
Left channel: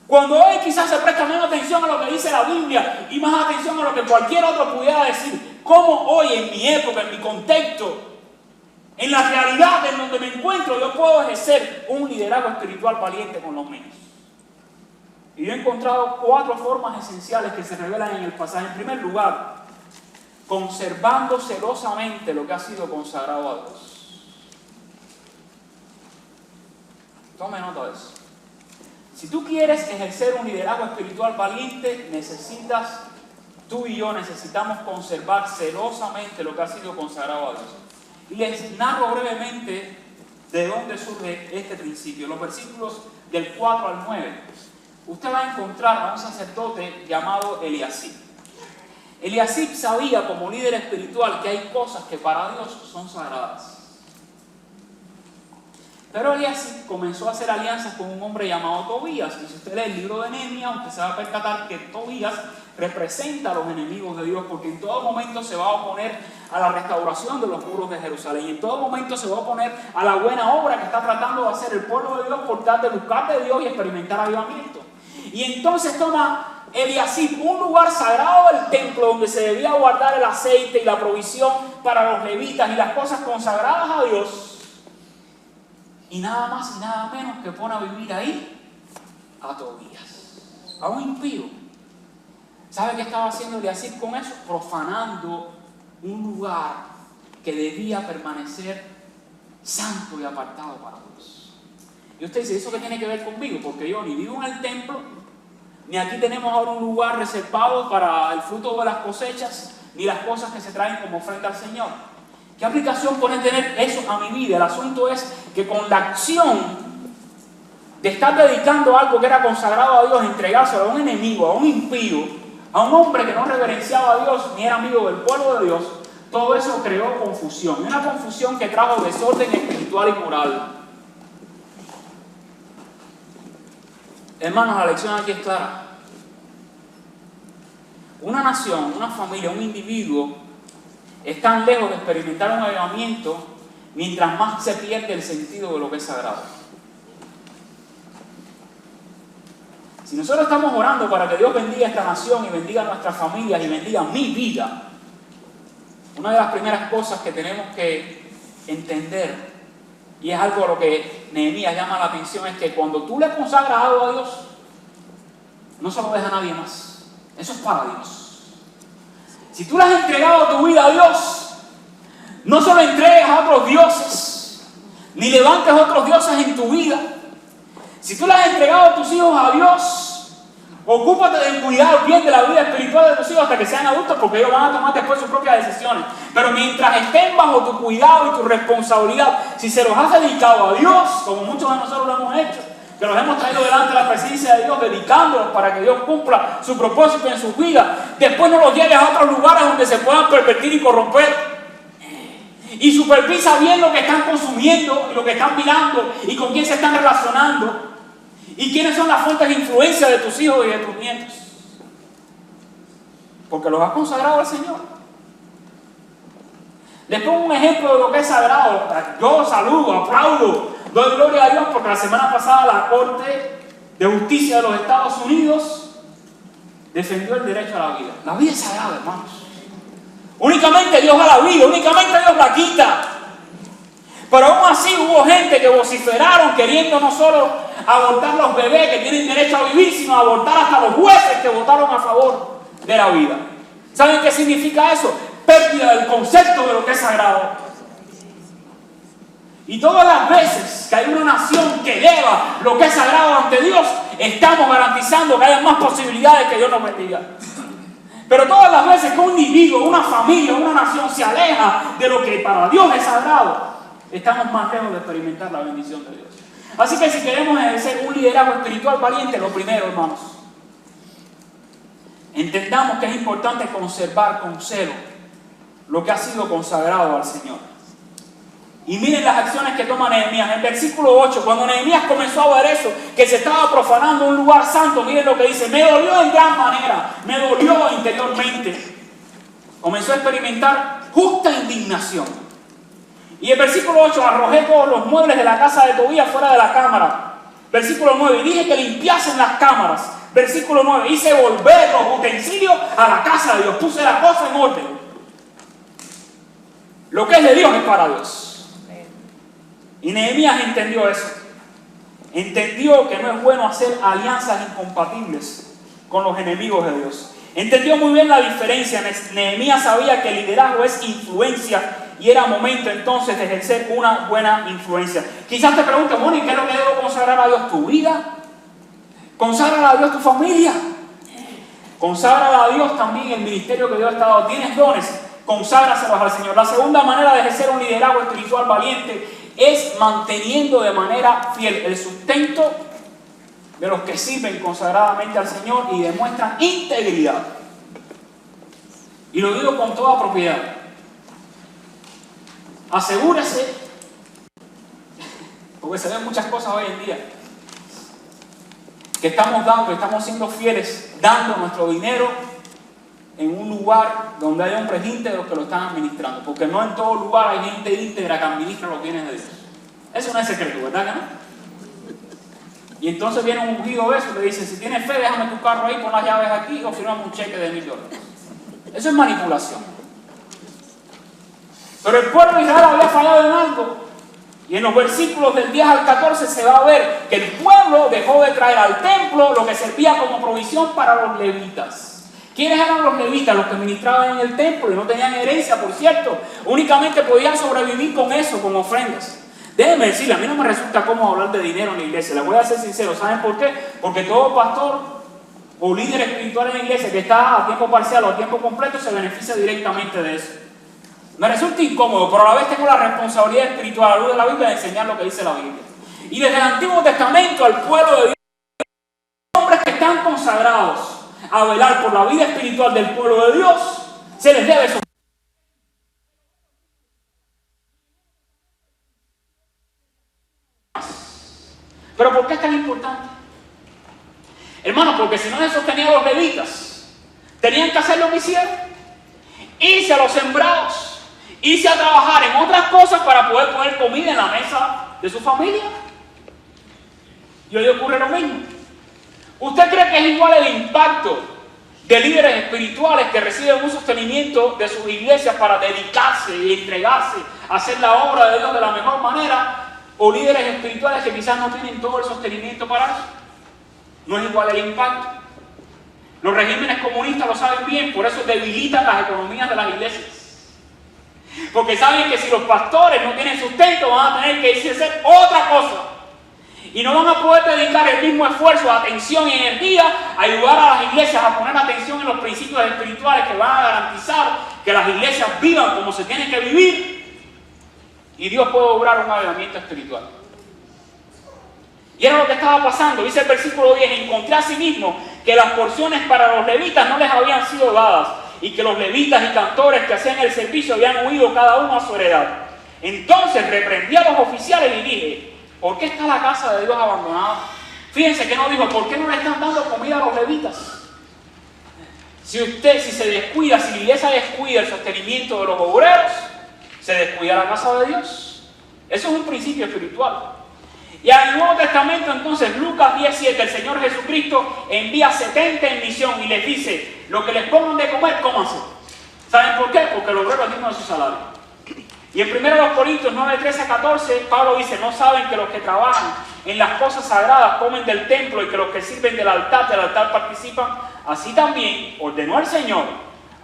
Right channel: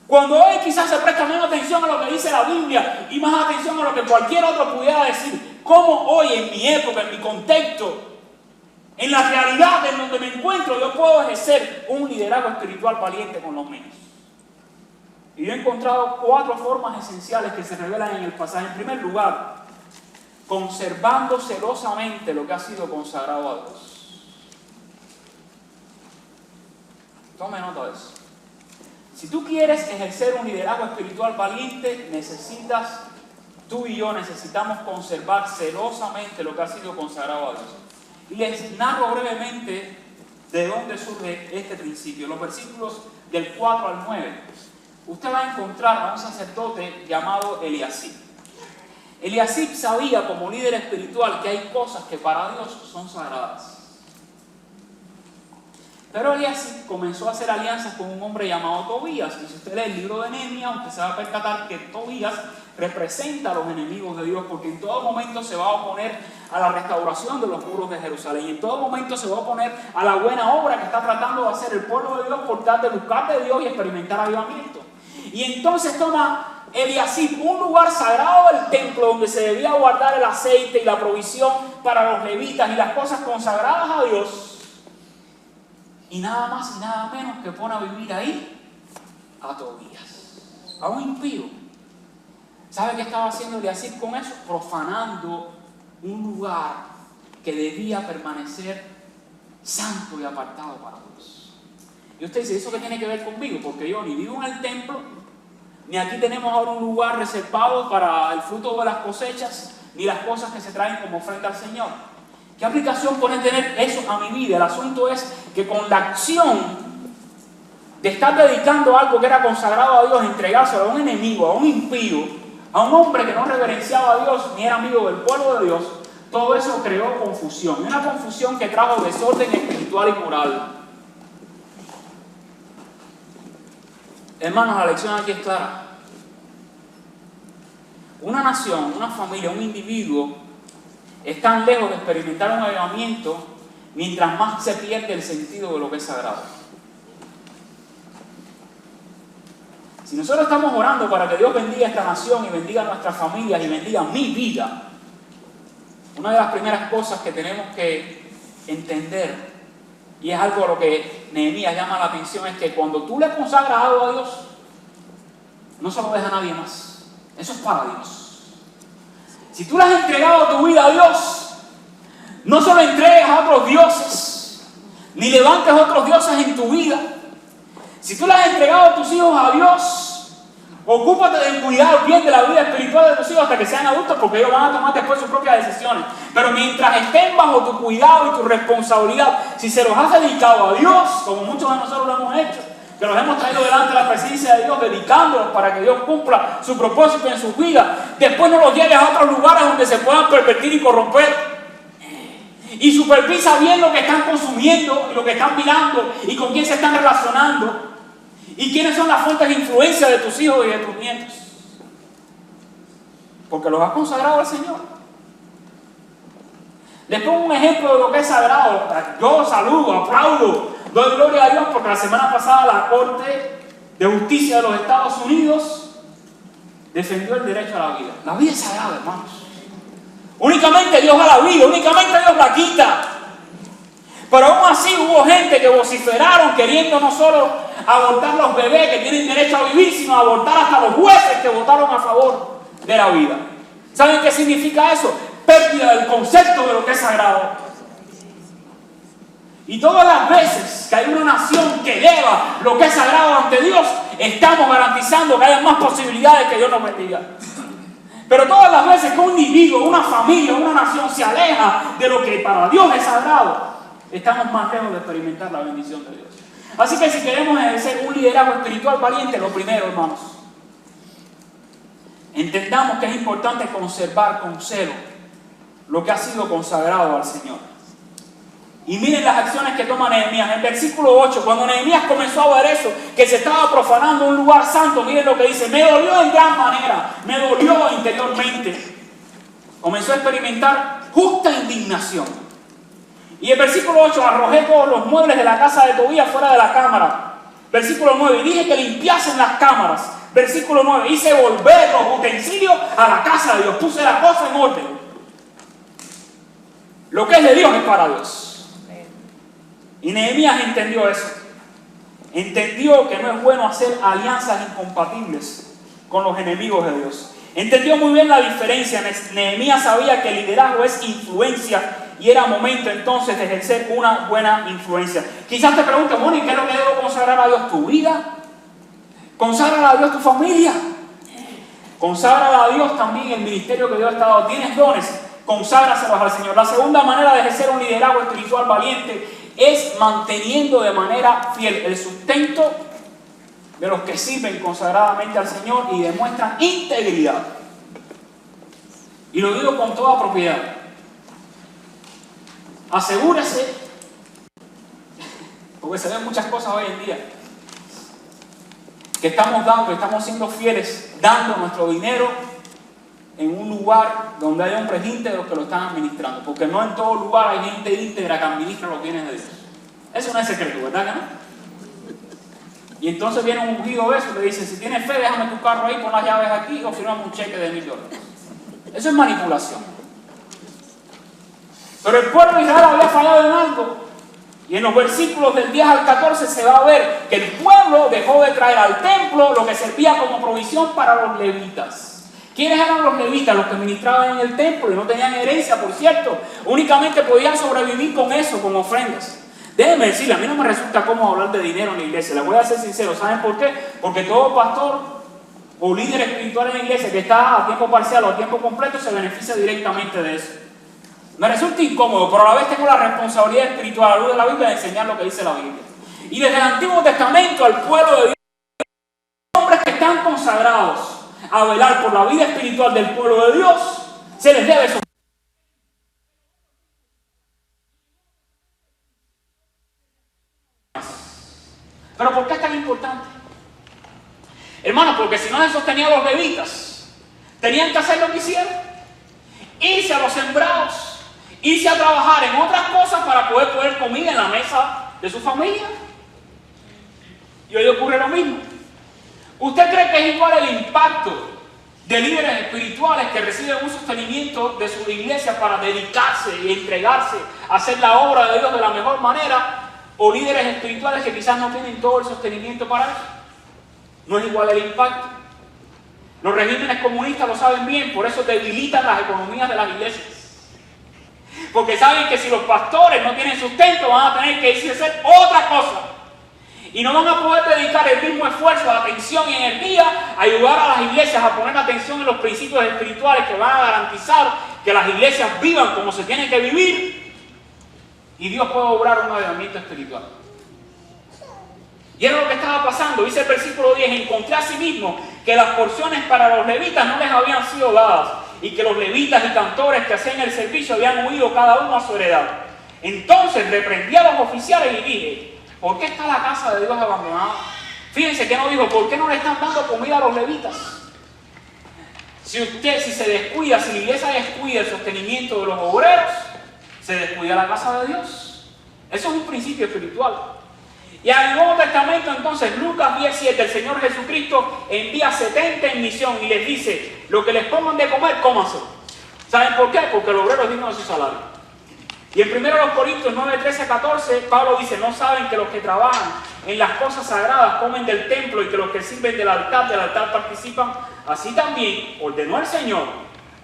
Cuando hoy quizás se presta menos atención a lo que dice la Biblia y más atención a lo que cualquier otro pudiera decir. ¿Cómo hoy en mi época, en mi contexto, En la realidad en donde me encuentro, yo puedo ejercer un liderazgo espiritual valiente con los míos. Y yo he encontrado 4 formas esenciales que se revelan en el pasaje. En primer lugar, conservando celosamente lo que ha sido consagrado a Dios. Tome nota de eso. Si tú quieres ejercer un liderazgo espiritual valiente, tú y yo necesitamos conservar celosamente lo que ha sido consagrado a Dios. Y les narro brevemente de dónde surge este principio. Los versículos del 4 al 9. Usted va a encontrar a un sacerdote llamado Eliasib. Eliasib sabía como líder espiritual que hay cosas que para Dios son sagradas. Pero Eliasib comenzó a hacer alianzas con un hombre llamado Tobías. Y si usted lee el libro de Nehemías, usted se va a percatar que Tobías representa a los enemigos de Dios, porque en todo momento se va a oponer a la restauración de los muros de Jerusalén, y en todo momento se va a oponer a la buena obra que está tratando de hacer el pueblo de Dios por tal de buscar de Dios y experimentar avivamiento. Y entonces toma Eliasib un lugar sagrado del templo donde se debía guardar el aceite y la provisión para los levitas y las cosas consagradas a Dios, y nada más y nada menos que pone a vivir ahí a Tobías, a un impío. ¿Sabe qué estaba haciendo Eliasib con eso? Profanando un lugar que debía permanecer santo y apartado para Dios. Y usted dice, ¿eso qué tiene que ver conmigo? Porque yo ni vivo en el templo, ni aquí tenemos ahora un lugar reservado para el fruto de las cosechas, ni las cosas que se traen como ofrenda al Señor. ¿Qué aplicación puede tener eso a mi vida? El asunto es que con la acción de estar dedicando algo que era consagrado a Dios, entregárselo a un enemigo, a un impío, a un hombre que no reverenciaba a Dios ni era amigo del pueblo de Dios, todo eso creó confusión. Una confusión que trajo desorden espiritual y moral. Hermanos, la lección aquí es clara. Una nación, una familia, un individuo están lejos de experimentar un avivamiento mientras más se pierde el sentido de lo que es sagrado. Si nosotros estamos orando para que Dios bendiga esta nación y bendiga nuestras familias y bendiga mi vida, una de las primeras cosas que tenemos que entender, y es algo a lo que Nehemías llama la atención, es que cuando tú le consagras algo a Dios, no se lo deja a nadie más. Eso es para Dios. Si tú le has entregado tu vida a Dios, no se lo entregues a otros dioses, ni levantes otros dioses en tu vida. Si tú le has entregado a tus hijos a Dios, ocúpate de cuidar bien de la vida espiritual de tus hijos hasta que sean adultos, porque ellos van a tomar después sus propias decisiones. Pero mientras estén bajo tu cuidado y tu responsabilidad, si se los has dedicado a Dios, como muchos de nosotros lo hemos hecho, que los hemos traído delante de la presencia de Dios, dedicándolos para que Dios cumpla su propósito en sus vidas, después no los lleves a otros lugares donde se puedan pervertir y corromper. Y supervisa bien lo que están consumiendo y lo que están mirando y con quién se están relacionando y quiénes son las fuentes de influencia de tus hijos y de tus nietos, porque los has consagrado al Señor. Les pongo un ejemplo de lo que es sagrado. Yo saludo, aplaudo, doy gloria a Dios porque la semana pasada la Corte de Justicia de los Estados Unidos defendió el derecho a la vida. La vida es sagrada, hermanos. Únicamente Dios da la vida, únicamente Dios la quita. Pero aún así hubo gente que vociferaron queriendo no solo abortar los bebés que tienen derecho a vivir, sino abortar hasta los jueces que votaron a favor de la vida. ¿Saben qué significa eso? Pérdida del concepto de lo que es sagrado. Y todas las veces que hay una nación que eleva lo que es sagrado ante Dios, estamos garantizando que haya más posibilidades que Dios nos bendiga. Pero todas las veces que un individuo, una familia, una nación se aleja de lo que para Dios es sagrado, estamos más lejos de experimentar la bendición de Dios. Así que si queremos ejercer un liderazgo espiritual valiente, lo primero, hermanos, entendamos que es importante conservar con celo lo que ha sido consagrado al Señor. Y miren las acciones que toma Nehemías. En el versículo 8, cuando Nehemías comenzó a ver eso, que se estaba profanando un lugar santo, miren lo que dice: me dolió en gran manera, me dolió interiormente. Comenzó a experimentar justa indignación. Y el versículo 8, arrojé todos los muebles de la casa de Tobías fuera de la cámara. Versículo 9, y dije que limpiasen las cámaras. Versículo 9, hice volver los utensilios a la casa de Dios. Puse la cosa en orden. Lo que es de Dios es para Dios. Y Nehemías entendió eso. Entendió que no es bueno hacer alianzas incompatibles con los enemigos de Dios. Entendió muy bien la diferencia. Nehemías sabía que el liderazgo es influencia y era momento entonces de ejercer una buena influencia. Quizás te preguntes, Mónica, ¿qué es lo que debo consagrar a Dios? ¿Tu vida? ¿Consagra a Dios tu familia? Consagra a Dios también el ministerio que Dios te ha dado. ¿Tienes dones? Conságraselos al Señor. La segunda manera de ejercer un liderazgo espiritual valiente es manteniendo de manera fiel el sustento de los que sirven consagradamente al Señor y demuestran integridad. Y lo digo con toda propiedad. Asegúrese, porque se ven muchas cosas hoy en día, que estamos siendo fieles, dando nuestro dinero en un lugar donde hay hombres íntegros que lo están administrando, porque no en todo lugar hay gente íntegra que administra los bienes de Dios. Eso no es secreto, ¿verdad que no? Y entonces viene un ungido de eso y le dice, si tienes fe, déjame tu carro ahí, pon las llaves aquí o firmame un cheque de $1,000. Eso es manipulación. Pero el pueblo de Israel había fallado en algo. Y en los versículos del 10 al 14 se va a ver que el pueblo dejó de traer al templo lo que servía como provisión para los levitas. ¿Quiénes eran los levitas? Los que ministraban en el templo y no tenían herencia, por cierto. Únicamente podían sobrevivir con eso, con ofrendas. Déjenme decirle, a mí no me resulta cómodo hablar de dinero en la iglesia. Les voy a ser sincero. ¿Saben por qué? Porque todo pastor o líder espiritual en la iglesia que está a tiempo parcial o a tiempo completo se beneficia directamente de eso. Me resulta incómodo, pero a la vez tengo la responsabilidad espiritual a la luz de la Biblia de enseñar lo que dice la Biblia. Y desde el Antiguo Testamento al pueblo de Dios, hombres que están consagrados a velar por la vida espiritual del pueblo de Dios, se les debe someter. ¿Pero por qué es tan importante? Hermano, porque si no se sostenían los levitas, tenían que hacer lo que hicieron, irse a los sembrados, irse a trabajar en otras cosas para poder comer en la mesa de su familia. Y hoy ocurre lo mismo. ¿Usted cree que es igual el impacto de líderes espirituales que reciben un sostenimiento de sus iglesias para dedicarse y entregarse a hacer la obra de Dios de la mejor manera, o líderes espirituales que quizás no tienen todo el sostenimiento para eso? No es igual el impacto. Los regímenes comunistas lo saben bien, por eso debilitan las economías de las iglesias. Porque saben que si los pastores no tienen sustento, van a tener que irse a hacer otra cosa. Y no van a poder dedicar el mismo esfuerzo, atención y energía a ayudar a las iglesias a poner atención en los principios espirituales que van a garantizar que las iglesias vivan como se tiene que vivir y Dios puede obrar un avivamiento espiritual. Y era lo que estaba pasando. Dice el versículo 10, encontré asimismo que las porciones para los levitas no les habían sido dadas y que los levitas y cantores que hacían el servicio habían huido cada uno a su heredad. Entonces reprendí a los oficiales y dije, ¿por qué está la casa de Dios abandonada? Fíjense que no dijo, ¿por qué no le están dando comida a los levitas? Si se descuida, si la iglesia descuida el sostenimiento de los obreros, se descuida la casa de Dios. Eso es un principio espiritual. Y al Nuevo Testamento, entonces, Lucas 10:7, el Señor Jesucristo envía 70 en misión y les dice, lo que les pongan de comer, cómanse. ¿Saben por qué? Porque el obrero es digno de su salario. Y en 1 Corintios 9:13-14, Pablo dice, ¿no saben que los que trabajan en las cosas sagradas comen del templo y que los que sirven del altar participan? Así también ordenó el Señor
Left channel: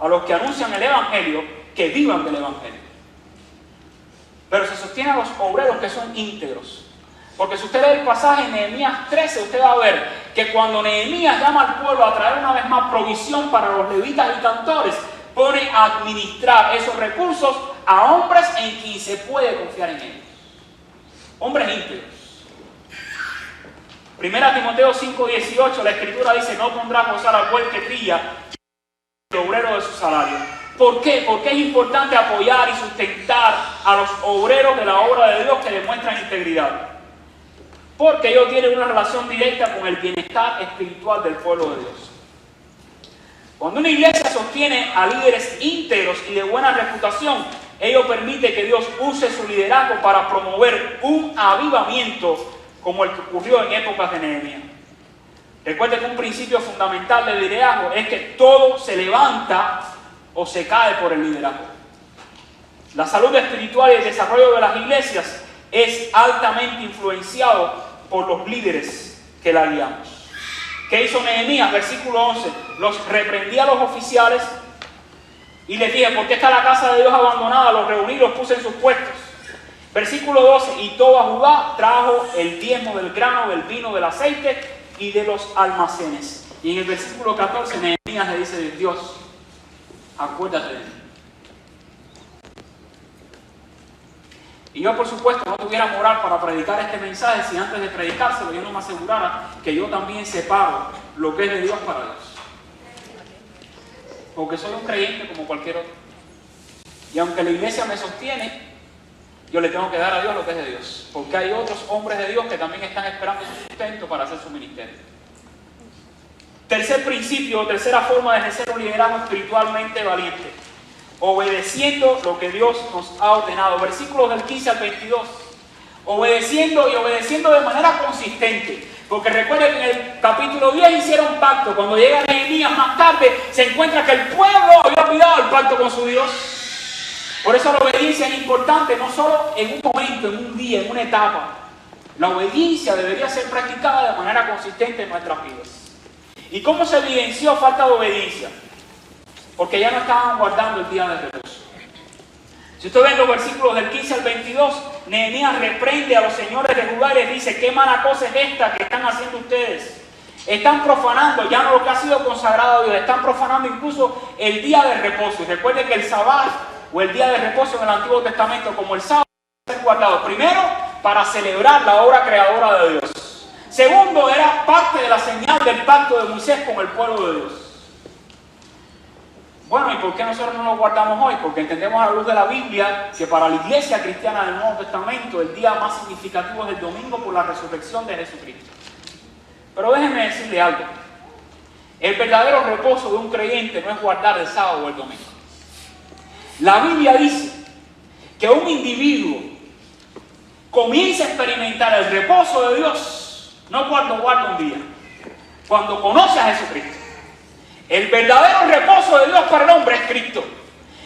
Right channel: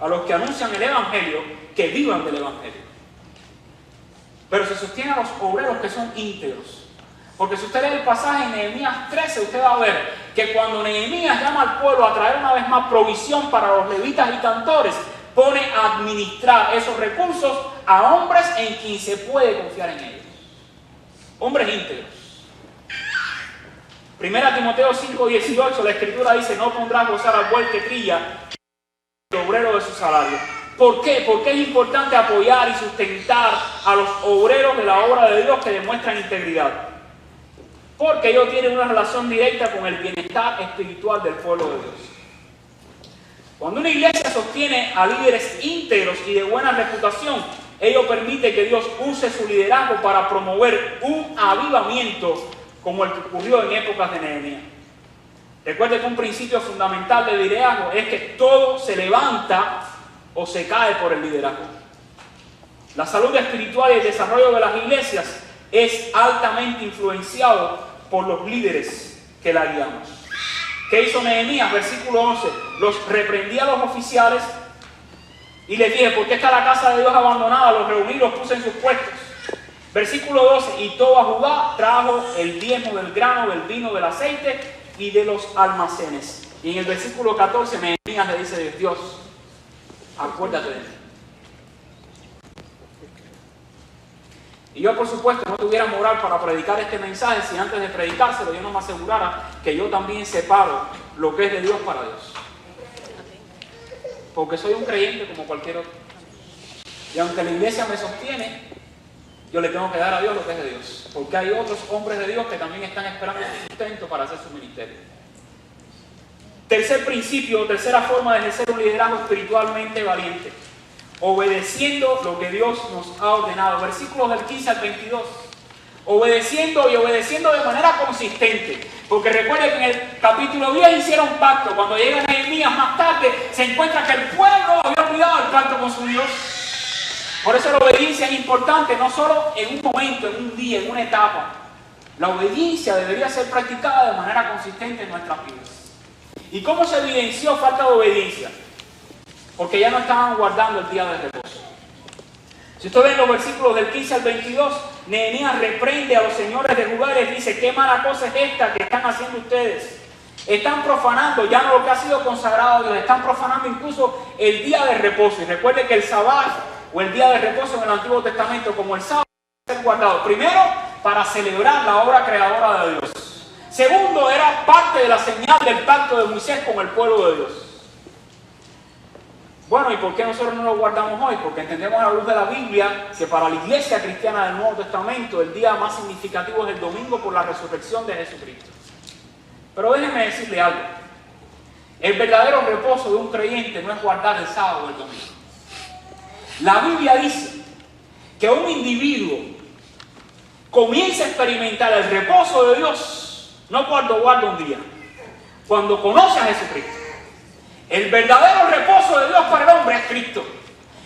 a los que anuncian el Evangelio que vivan del Evangelio. Pero se sostiene a los obreros que son íntegros. Porque si usted lee el pasaje en Nehemías 13, usted va a ver que cuando Nehemías llama al pueblo a traer una vez más provisión para los levitas y cantores, pone a administrar esos recursos a hombres en quien se puede confiar en ellos. Hombres íntegros. 1 Timoteo 5:18, la Escritura dice, no pondrás a gozar al buey que trilla el obrero de su salario. ¿Por qué? Porque es importante apoyar y sustentar a los obreros de la obra de Dios que demuestran integridad. Porque ellos tienen una relación directa con el bienestar espiritual del pueblo de Dios. Cuando una iglesia sostiene a líderes íntegros y de buena reputación, ello permite que Dios use su liderazgo para promover un avivamiento como el que ocurrió en épocas de Nehemías. Recuerde que un principio fundamental del liderazgo es que todo se levanta o se cae por el liderazgo. La salud espiritual y el desarrollo de las iglesias es altamente influenciado por los líderes que la guiamos. ¿Qué hizo Nehemías? Versículo 11. Los reprendí a los oficiales y les dije, ¿por qué está la casa de Dios abandonada? Los reuní y los puse en sus puestos. Versículo 12. Y todo a Judá trajo el diezmo del grano, del vino, del aceite y de los almacenes. Y en el versículo 14 Nehemías le dice a Dios, acuérdate de mí. Y yo, por supuesto, no tuviera moral para predicar este mensaje si antes de predicárselo yo no me asegurara que yo también separo lo que es de Dios para Dios. Porque soy un creyente como cualquier otro. Y aunque la iglesia me sostiene, yo le tengo que dar a Dios lo que es de Dios. Porque hay otros hombres de Dios que también están esperando su sustento para hacer su ministerio. Tercer principio, tercera forma de ejercer un liderazgo espiritualmente valiente. Obedeciendo lo que Dios nos ha ordenado. Versículos del 15 al 22. Obedeciendo y obedeciendo de manera consistente. Porque recuerden que en el capítulo 10 hicieron pacto. Cuando llega Nehemías más tarde, se encuentra que el pueblo había olvidado el pacto con su Dios. Por eso la obediencia es importante, no solo en un momento, en un día, en una etapa. La obediencia debería ser practicada de manera consistente en nuestras vidas. ¿Y cómo se evidenció falta de obediencia? Porque ya no estaban guardando el día de reposo. Si usted ve los versículos del 15 al 22, Nehemías reprende a los señores de Judá y les dice, ¿qué mala cosa es esta que están haciendo ustedes? Están profanando ya no lo que ha sido consagrado a Dios, están profanando incluso el día de reposo. Y recuerde que el sábado o el día de reposo en el Antiguo Testamento, como el sábado, se guardado primero para celebrar la obra creadora de Dios. Segundo, era parte de la señal del pacto de Moisés con el pueblo de Dios. Bueno, ¿y por qué nosotros no lo guardamos hoy? Porque entendemos a la luz de la Biblia que para la iglesia cristiana del Nuevo Testamento el día más significativo es el domingo por la resurrección de Jesucristo. Pero déjenme decirle algo. El verdadero reposo de un creyente no es guardar el sábado o el domingo. La Biblia dice que un individuo comienza a experimentar el reposo de Dios no cuando guarda un día, cuando conoce a Jesucristo. El verdadero reposo de Dios para el hombre es Cristo.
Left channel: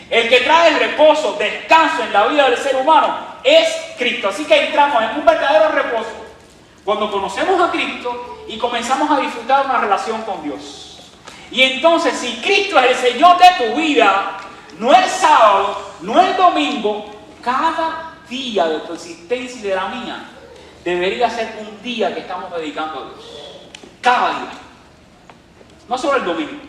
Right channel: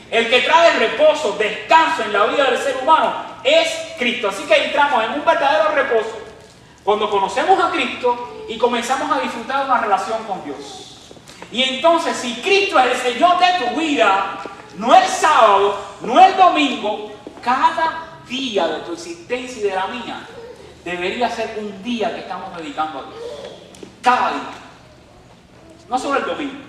El que trae el reposo, descanso en la vida del ser humano es Cristo. Así que entramos en un verdadero reposo cuando conocemos a Cristo y comenzamos a disfrutar de una relación con Dios. Y entonces, si Cristo es el Señor de tu vida, no el sábado, no el domingo, cada día de tu existencia y de la mía debería ser un día que estamos dedicando a Dios. Cada día. No solo el domingo.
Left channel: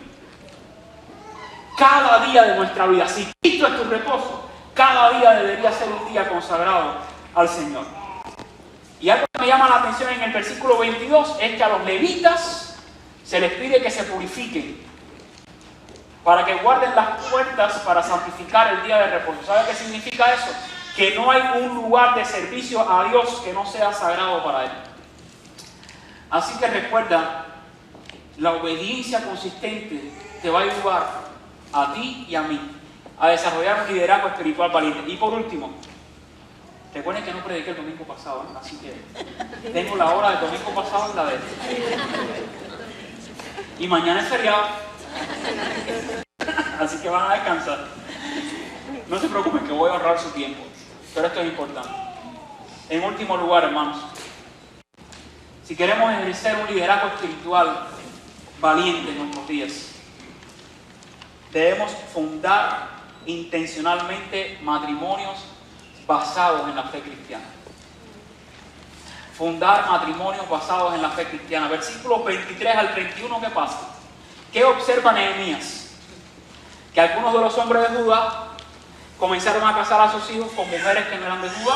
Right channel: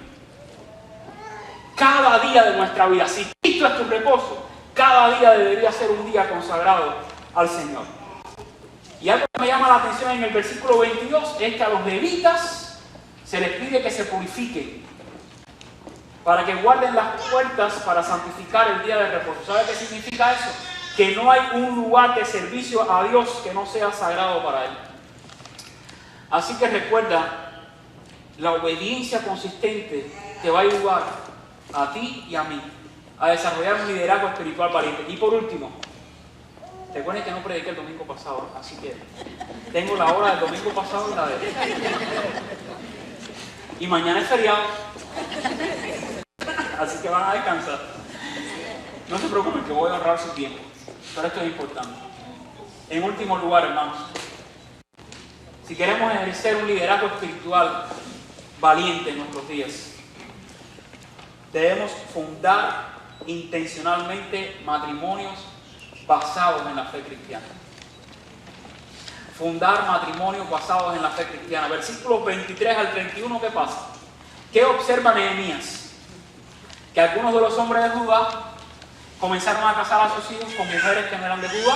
Cada día de nuestra vida. Si Cristo es tu reposo, cada día debería ser un día consagrado al Señor. Y algo que me llama la atención en el versículo 22 es que a los levitas se les pide que se purifiquen para que guarden las puertas para santificar el día de reposo. ¿Sabe qué significa eso? Que no hay un lugar de servicio a Dios que no sea sagrado para Él. Así que recuerda, la obediencia consistente te va a ayudar a ti y a mí a desarrollar un liderazgo espiritual valiente. Y por último, recuerden que no prediqué el domingo pasado, así que tengo la hora del domingo pasado en la de y mañana es feriado, así que van a descansar. No se preocupen que voy a ahorrar su tiempo, pero esto es importante. En último lugar, hermanos, si queremos ejercer un liderazgo espiritual valiente en nuestros días, debemos fundar intencionalmente matrimonios basados en la fe cristiana. Fundar matrimonios basados en la fe cristiana. Versículos 23 al 31, ¿qué pasa? ¿Qué observa Nehemías? Que algunos de los hombres de Judá comenzaron a casar a sus hijos con mujeres que no eran de Judá.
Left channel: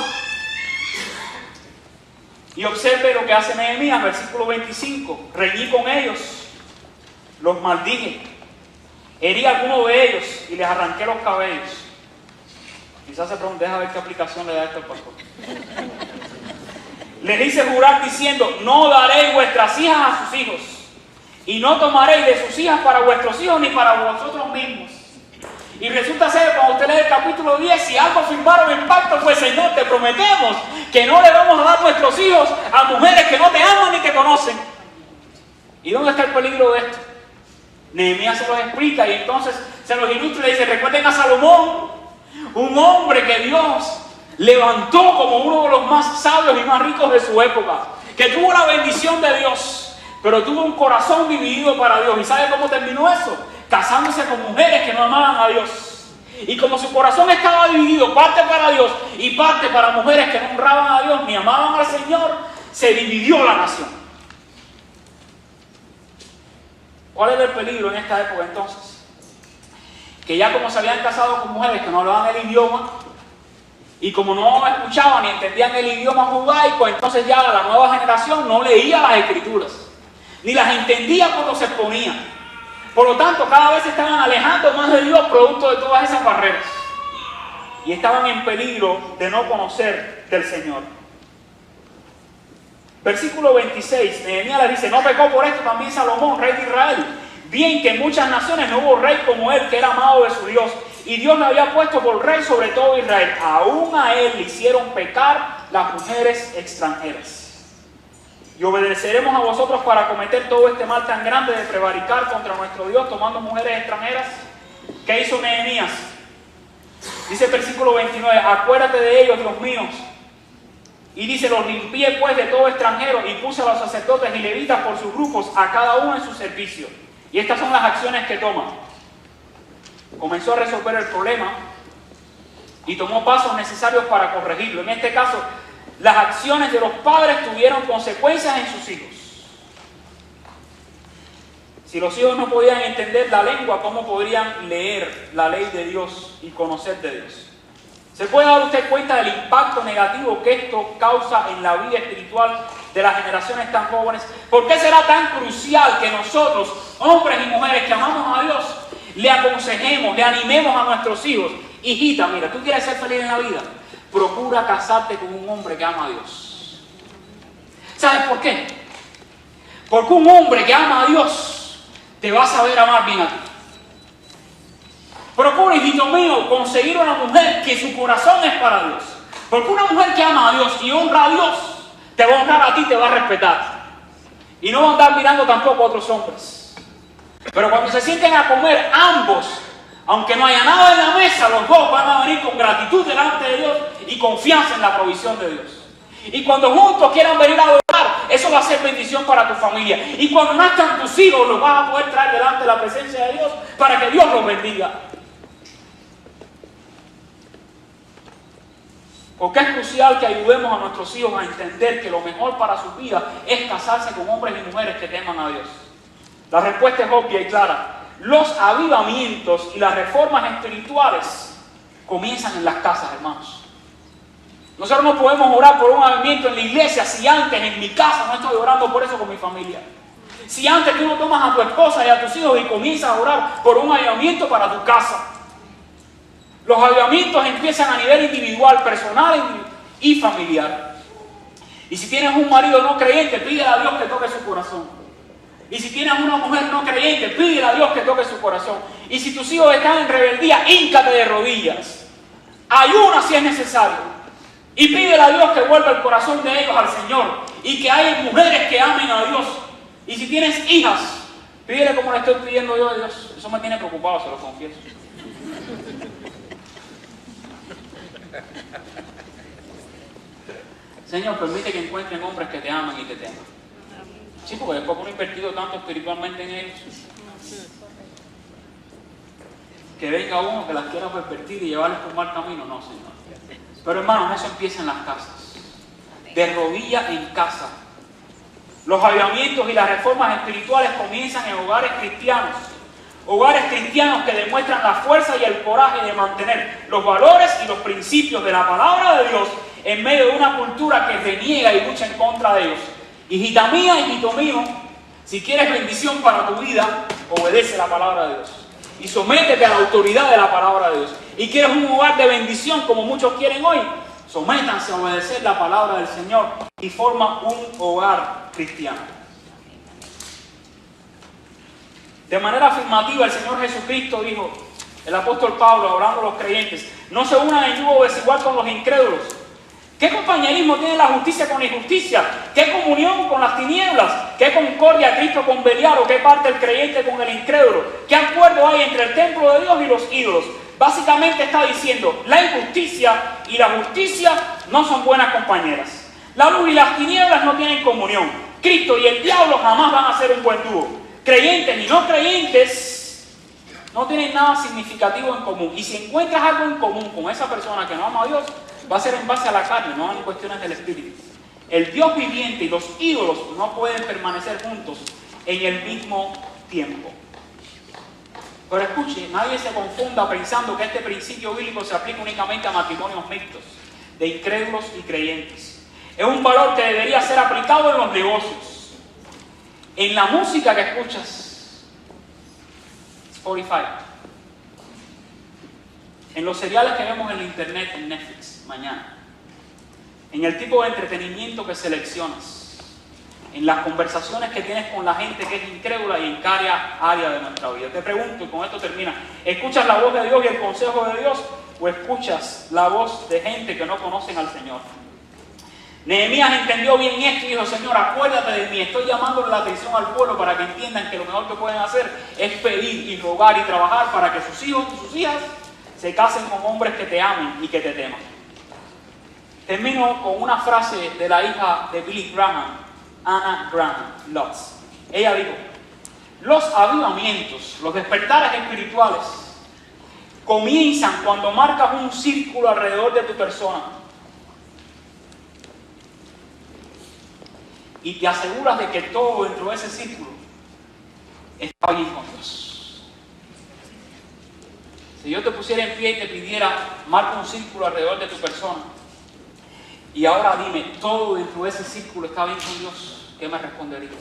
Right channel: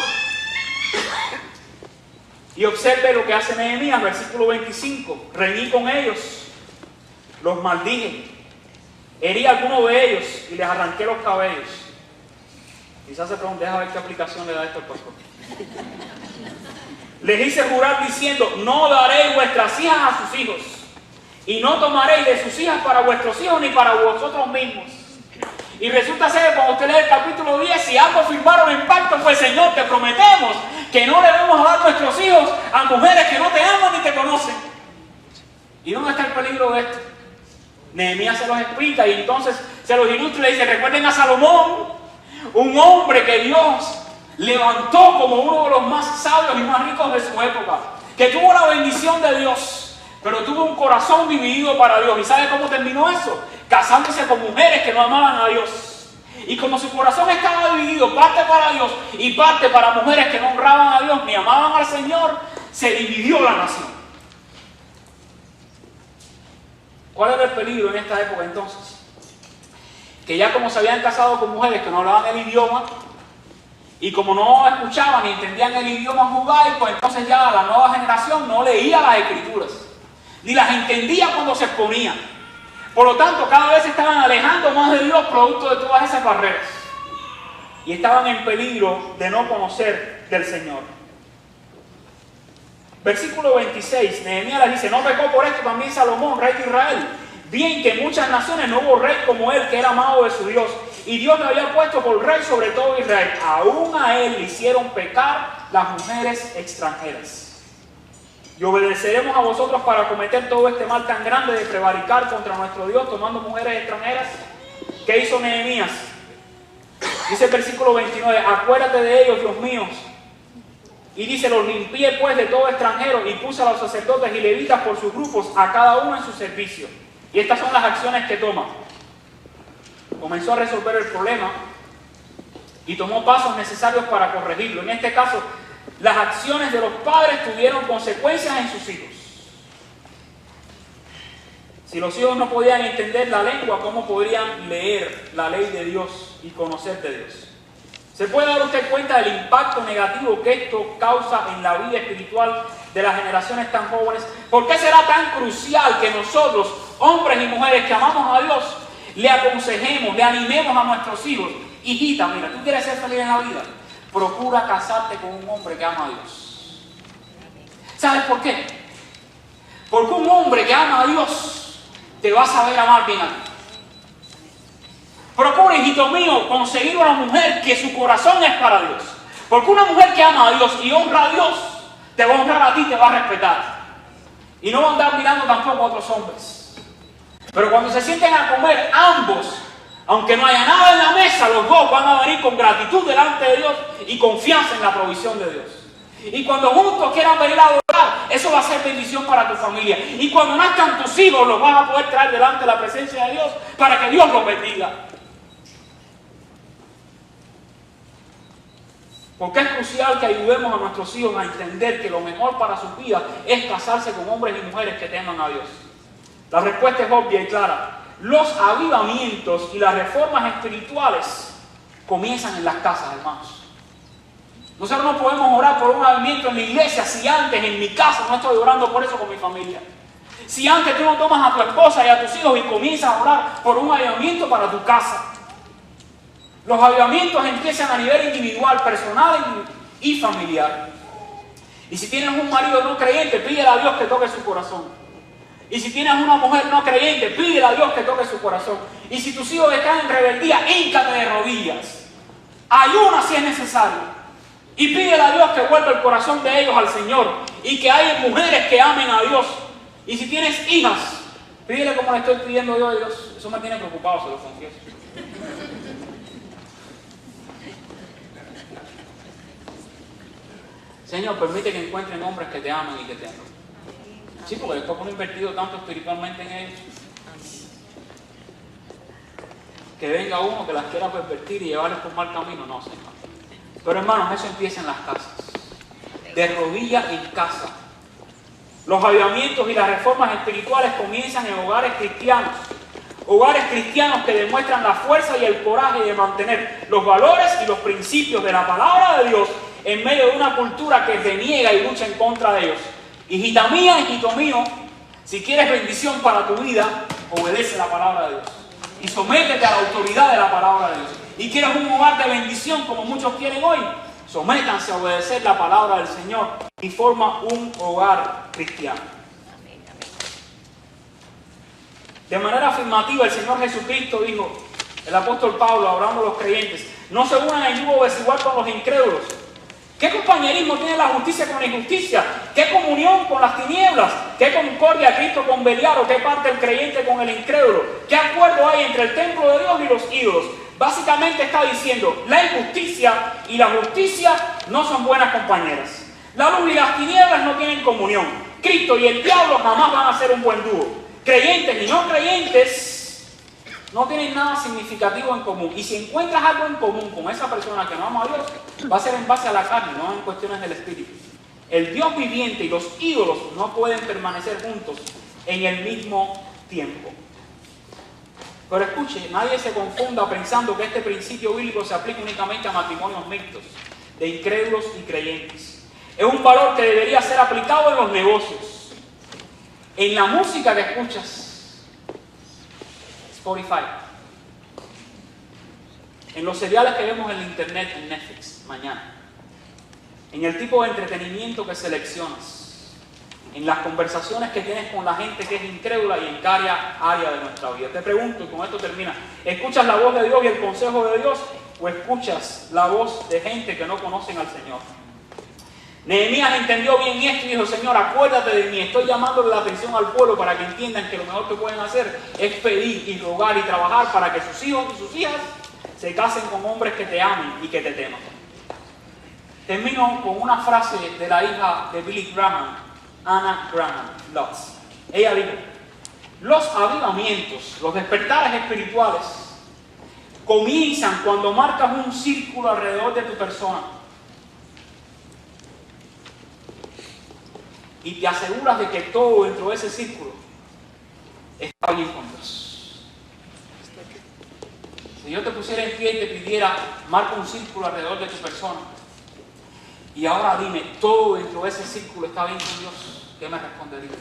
Y observe lo que hace Nehemías, versículo 25. Reñí con ellos, los maldije, herí a alguno de ellos y les arranqué los cabellos. Quizás se pregunte, déjame ver qué aplicación le da esto al pastor. Les hice jurar diciendo, no daréis vuestras hijas a sus hijos, y no tomaréis de sus hijas para vuestros hijos ni para vosotros mismos. Y resulta ser que cuando usted lee el capítulo 10, si algo firmaron en pacto fue, Señor, te prometemos que no le vamos a dar nuestros hijos a mujeres que no te aman ni te conocen. ¿Y dónde está el peligro de esto? Nehemías se los explica y entonces se los ilustra y le dice, recuerden a Salomón, un hombre que Dios levantó como uno de los más sabios y más ricos de su época, que tuvo la bendición de Dios, pero tuvo un corazón dividido para Dios. ¿Y sabe cómo terminó eso? Casándose con mujeres que no amaban a Dios. Y como su corazón estaba dividido, parte para Dios y parte para mujeres que no honraban a Dios ni amaban al Señor, se dividió la nación. ¿Cuál era el peligro en esta época entonces? Que ya como se habían casado con mujeres que no hablaban el idioma, y como no escuchaban ni entendían el idioma judaico, entonces ya la nueva generación no leía las escrituras, ni las entendía cuando se exponían. Por lo tanto, cada vez se estaban alejando más de Dios producto de todas esas barreras. Y estaban en peligro de no conocer del Señor. Versículo 26, Nehemías les dice, no pecó por esto también Salomón, rey de Israel. Bien que en muchas naciones no hubo rey como él, que era amado de su Dios. Y Dios le había puesto por rey sobre todo Israel. Aún a él le hicieron pecar las mujeres extranjeras. Y obedeceremos a vosotros para cometer todo este mal tan grande de prevaricar contra nuestro Dios tomando mujeres extranjeras. ¿Qué hizo Nehemías? Dice el versículo 29, acuérdate de ellos, Dios mío. Y dice, los limpié pues de todo extranjero y puse a los sacerdotes y levitas por sus grupos, a cada uno en su servicio. Y estas son las acciones que toma. Comenzó a resolver el problema y tomó pasos necesarios para corregirlo. En este caso, las acciones de los padres tuvieron consecuencias en sus hijos. Si los hijos no podían entender la lengua, ¿cómo podrían leer la ley de Dios y conocer de Dios? ¿Se puede dar usted cuenta del impacto negativo que esto causa en la vida espiritual de las generaciones tan jóvenes? ¿Por qué será tan crucial que nosotros, hombres y mujeres que amamos a Dios, le aconsejemos, le animemos a nuestros hijos? Hijita, mira, ¿tú quieres ser feliz en la vida? Procura casarte con un hombre que ama a Dios. ¿Sabes por qué? Porque un hombre que ama a Dios te va a saber amar bien a ti. Procura, hijito mío, conseguir una mujer que su corazón es para Dios. Porque una mujer que ama a Dios y honra a Dios, te va a honrar a ti, te va a respetar. Y no va a andar mirando tampoco a otros hombres. Pero cuando se sienten a comer ambos, aunque no haya nada en la mesa, los dos van a venir con gratitud delante de Dios y confianza en la provisión de Dios. Y cuando juntos quieran venir a adorar, eso va a ser bendición para tu familia. Y cuando nazcan tus hijos, los vas a poder traer delante de la presencia de Dios para que Dios los bendiga. Porque es crucial que ayudemos a nuestros hijos a entender que lo mejor para sus vidas es casarse con hombres y mujeres que teman a Dios. La respuesta es obvia y clara. Los avivamientos y las reformas espirituales comienzan en las casas, hermanos. Nosotros no podemos orar por un avivamiento en la iglesia si antes en mi casa no estoy orando por eso con mi familia. Si antes tú no tomas a tu esposa y a tus hijos y comienzas a orar por un avivamiento para tu casa. Los avivamientos empiezan a nivel individual, personal y familiar. Y si tienes un marido no creyente, pídele a Dios que toque su corazón. Y si tienes una mujer no creyente, pídele a Dios que toque su corazón. Y si tus hijos están en rebeldía, híncate de rodillas. Ayuna si es necesario. Y pídele a Dios que vuelva el corazón de ellos al Señor. Y que haya mujeres que amen a Dios. Y si tienes hijas, pídele como le estoy pidiendo yo a Dios. Eso me tiene preocupado, se lo confieso. Señor, permite que encuentren hombres que te amen y que te teman. Sí, porque después uno ha invertido tanto espiritualmente en ellos, que venga uno que las quiera pervertir y llevarles por mal camino. No, Señor. Pero hermanos, eso empieza en las casas. De rodillas en casa. Los avivamientos y las reformas espirituales comienzan en hogares cristianos. Hogares cristianos que demuestran la fuerza y el coraje de mantener los valores y los principios de la palabra de Dios en medio de una cultura que reniega y lucha en contra de ellos. Hijita mía, hijito mío, si quieres bendición para tu vida, obedece la palabra de Dios. Y sométete a la autoridad de la palabra de Dios. Y quieres un hogar de bendición como muchos quieren hoy, sométanse a obedecer la palabra del Señor y forma un hogar cristiano. De manera afirmativa, el Señor Jesucristo dijo, el apóstol Pablo, hablando a los creyentes, no se unan en yugo desigual con los incrédulos. ¿Qué compañerismo tiene la justicia con la injusticia? ¿Qué comunión con las tinieblas? ¿Qué concordia Cristo con Belial? ¿O qué parte el creyente con el incrédulo? ¿Qué acuerdo hay entre el templo de Dios y los ídolos? Básicamente está diciendo, la injusticia y la justicia no son buenas compañeras. La luz y las tinieblas no tienen comunión. Cristo y el diablo jamás van a ser un buen dúo. Creyentes y no creyentes no tienen nada significativo en común. Y si encuentras algo en común con esa persona que no ama a Dios, va a ser en base a la carne, no en cuestiones del espíritu. El Dios viviente y los ídolos no pueden permanecer juntos en el mismo tiempo. Pero escuche, nadie se confunda pensando que este principio bíblico se aplica únicamente a matrimonios mixtos, de incrédulos y creyentes. Es un valor que debería ser aplicado en los negocios, en la música que escuchas, Spotify, en los seriales que vemos en la internet, en Netflix, mañana, en el tipo de entretenimiento que seleccionas, en las conversaciones que tienes con la gente que es incrédula y en cada área de nuestra vida. Te pregunto, y con esto termina, ¿escuchas la voz de Dios y el consejo de Dios o escuchas la voz de gente que no conocen al Señor? Nehemías entendió bien esto y dijo, Señor, acuérdate de mí, estoy llamándole la atención al pueblo para que entiendan que lo mejor que pueden hacer es pedir y rogar y trabajar para que sus hijos y sus hijas se casen con hombres que te amen y que te teman. Termino con una frase de la hija de Billy Graham, Anna Graham Lotz. Ella dijo, los avivamientos, los despertares espirituales comienzan cuando marcas un círculo alrededor de tu persona y te aseguras de que todo dentro de ese círculo está bien con Dios. Si yo te pusiera en pie y te pidiera, marca un círculo alrededor de tu persona y ahora dime, todo dentro de ese círculo está bien con Dios, ¿qué me responderías?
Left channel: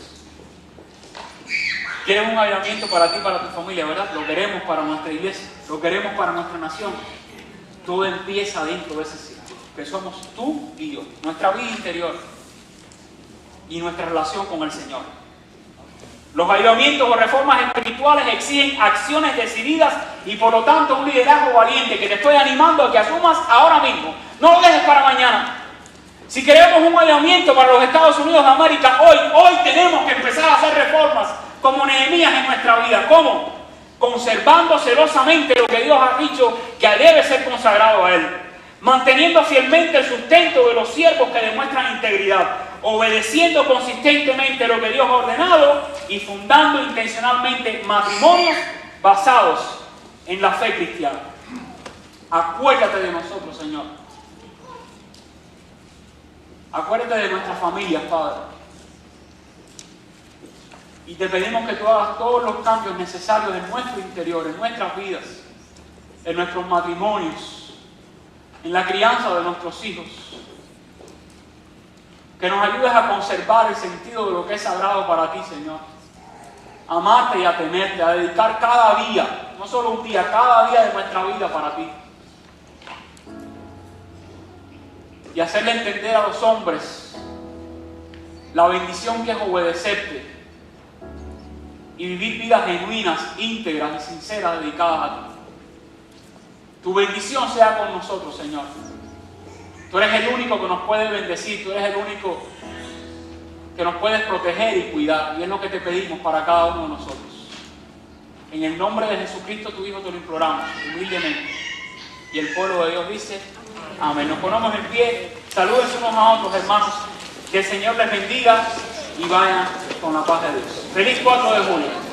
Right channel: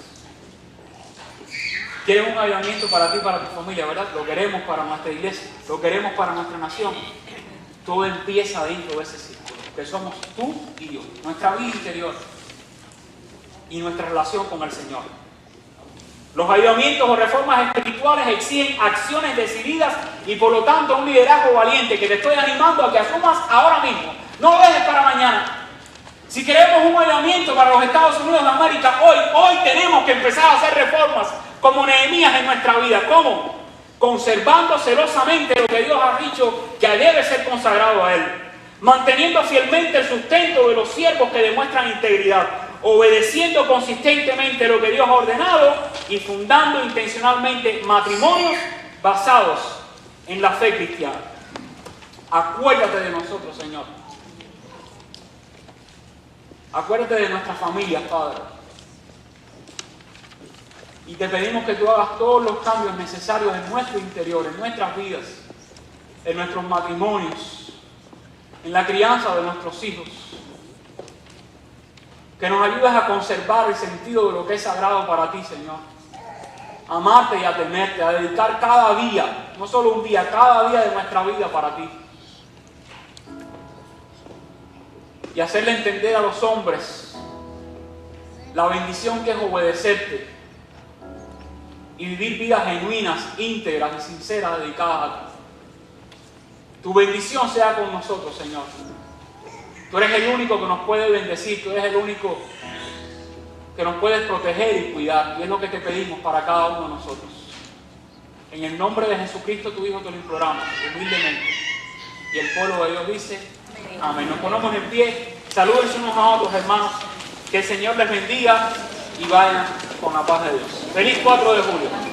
¿Quieres un avivamiento para ti y para tu familia, verdad? Lo queremos para nuestra iglesia, lo queremos para nuestra nación. Todo empieza dentro de ese círculo, que somos tú y yo, nuestra vida interior y nuestra relación con el Señor. Los avivamientos o reformas espirituales exigen acciones decididas y por lo tanto un liderazgo valiente que te estoy animando a que asumas ahora mismo. No lo dejes para mañana. Si queremos un avivamiento para los Estados Unidos de América, hoy tenemos que empezar a hacer reformas como Nehemías en nuestra vida. ¿Cómo? Conservando celosamente lo que Dios ha dicho que debe ser consagrado a Él. Manteniendo fielmente el sustento de los siervos que demuestran integridad. Obedeciendo consistentemente lo que Dios ha ordenado y fundando intencionalmente matrimonios basados en la fe cristiana. Acuérdate de nosotros, Señor. Acuérdate de nuestras familias, Padre. Y te pedimos que tú hagas todos los cambios necesarios en nuestro interior, en nuestras vidas, en nuestros matrimonios, en la crianza de nuestros hijos. Que nos ayudes a conservar el sentido de lo que es sagrado para ti, Señor. Amarte y a temerte, a dedicar cada día, no solo un día, cada día de nuestra vida para ti. Y hacerle entender a los hombres la bendición que es obedecerte y vivir vidas genuinas, íntegras y sinceras dedicadas a ti. Tu bendición sea con nosotros, Señor. Tú eres el único que nos puede bendecir, tú eres el único que nos puedes proteger y cuidar. Y es lo que te pedimos para cada uno de nosotros. En el nombre de Jesucristo, tu Hijo, te lo imploramos, humildemente. Y el pueblo de Dios dice, amén. Nos ponemos en pie, saluden unos a otros, hermanos. Que el Señor les bendiga y vayan con la paz de Dios. Feliz 4 de julio.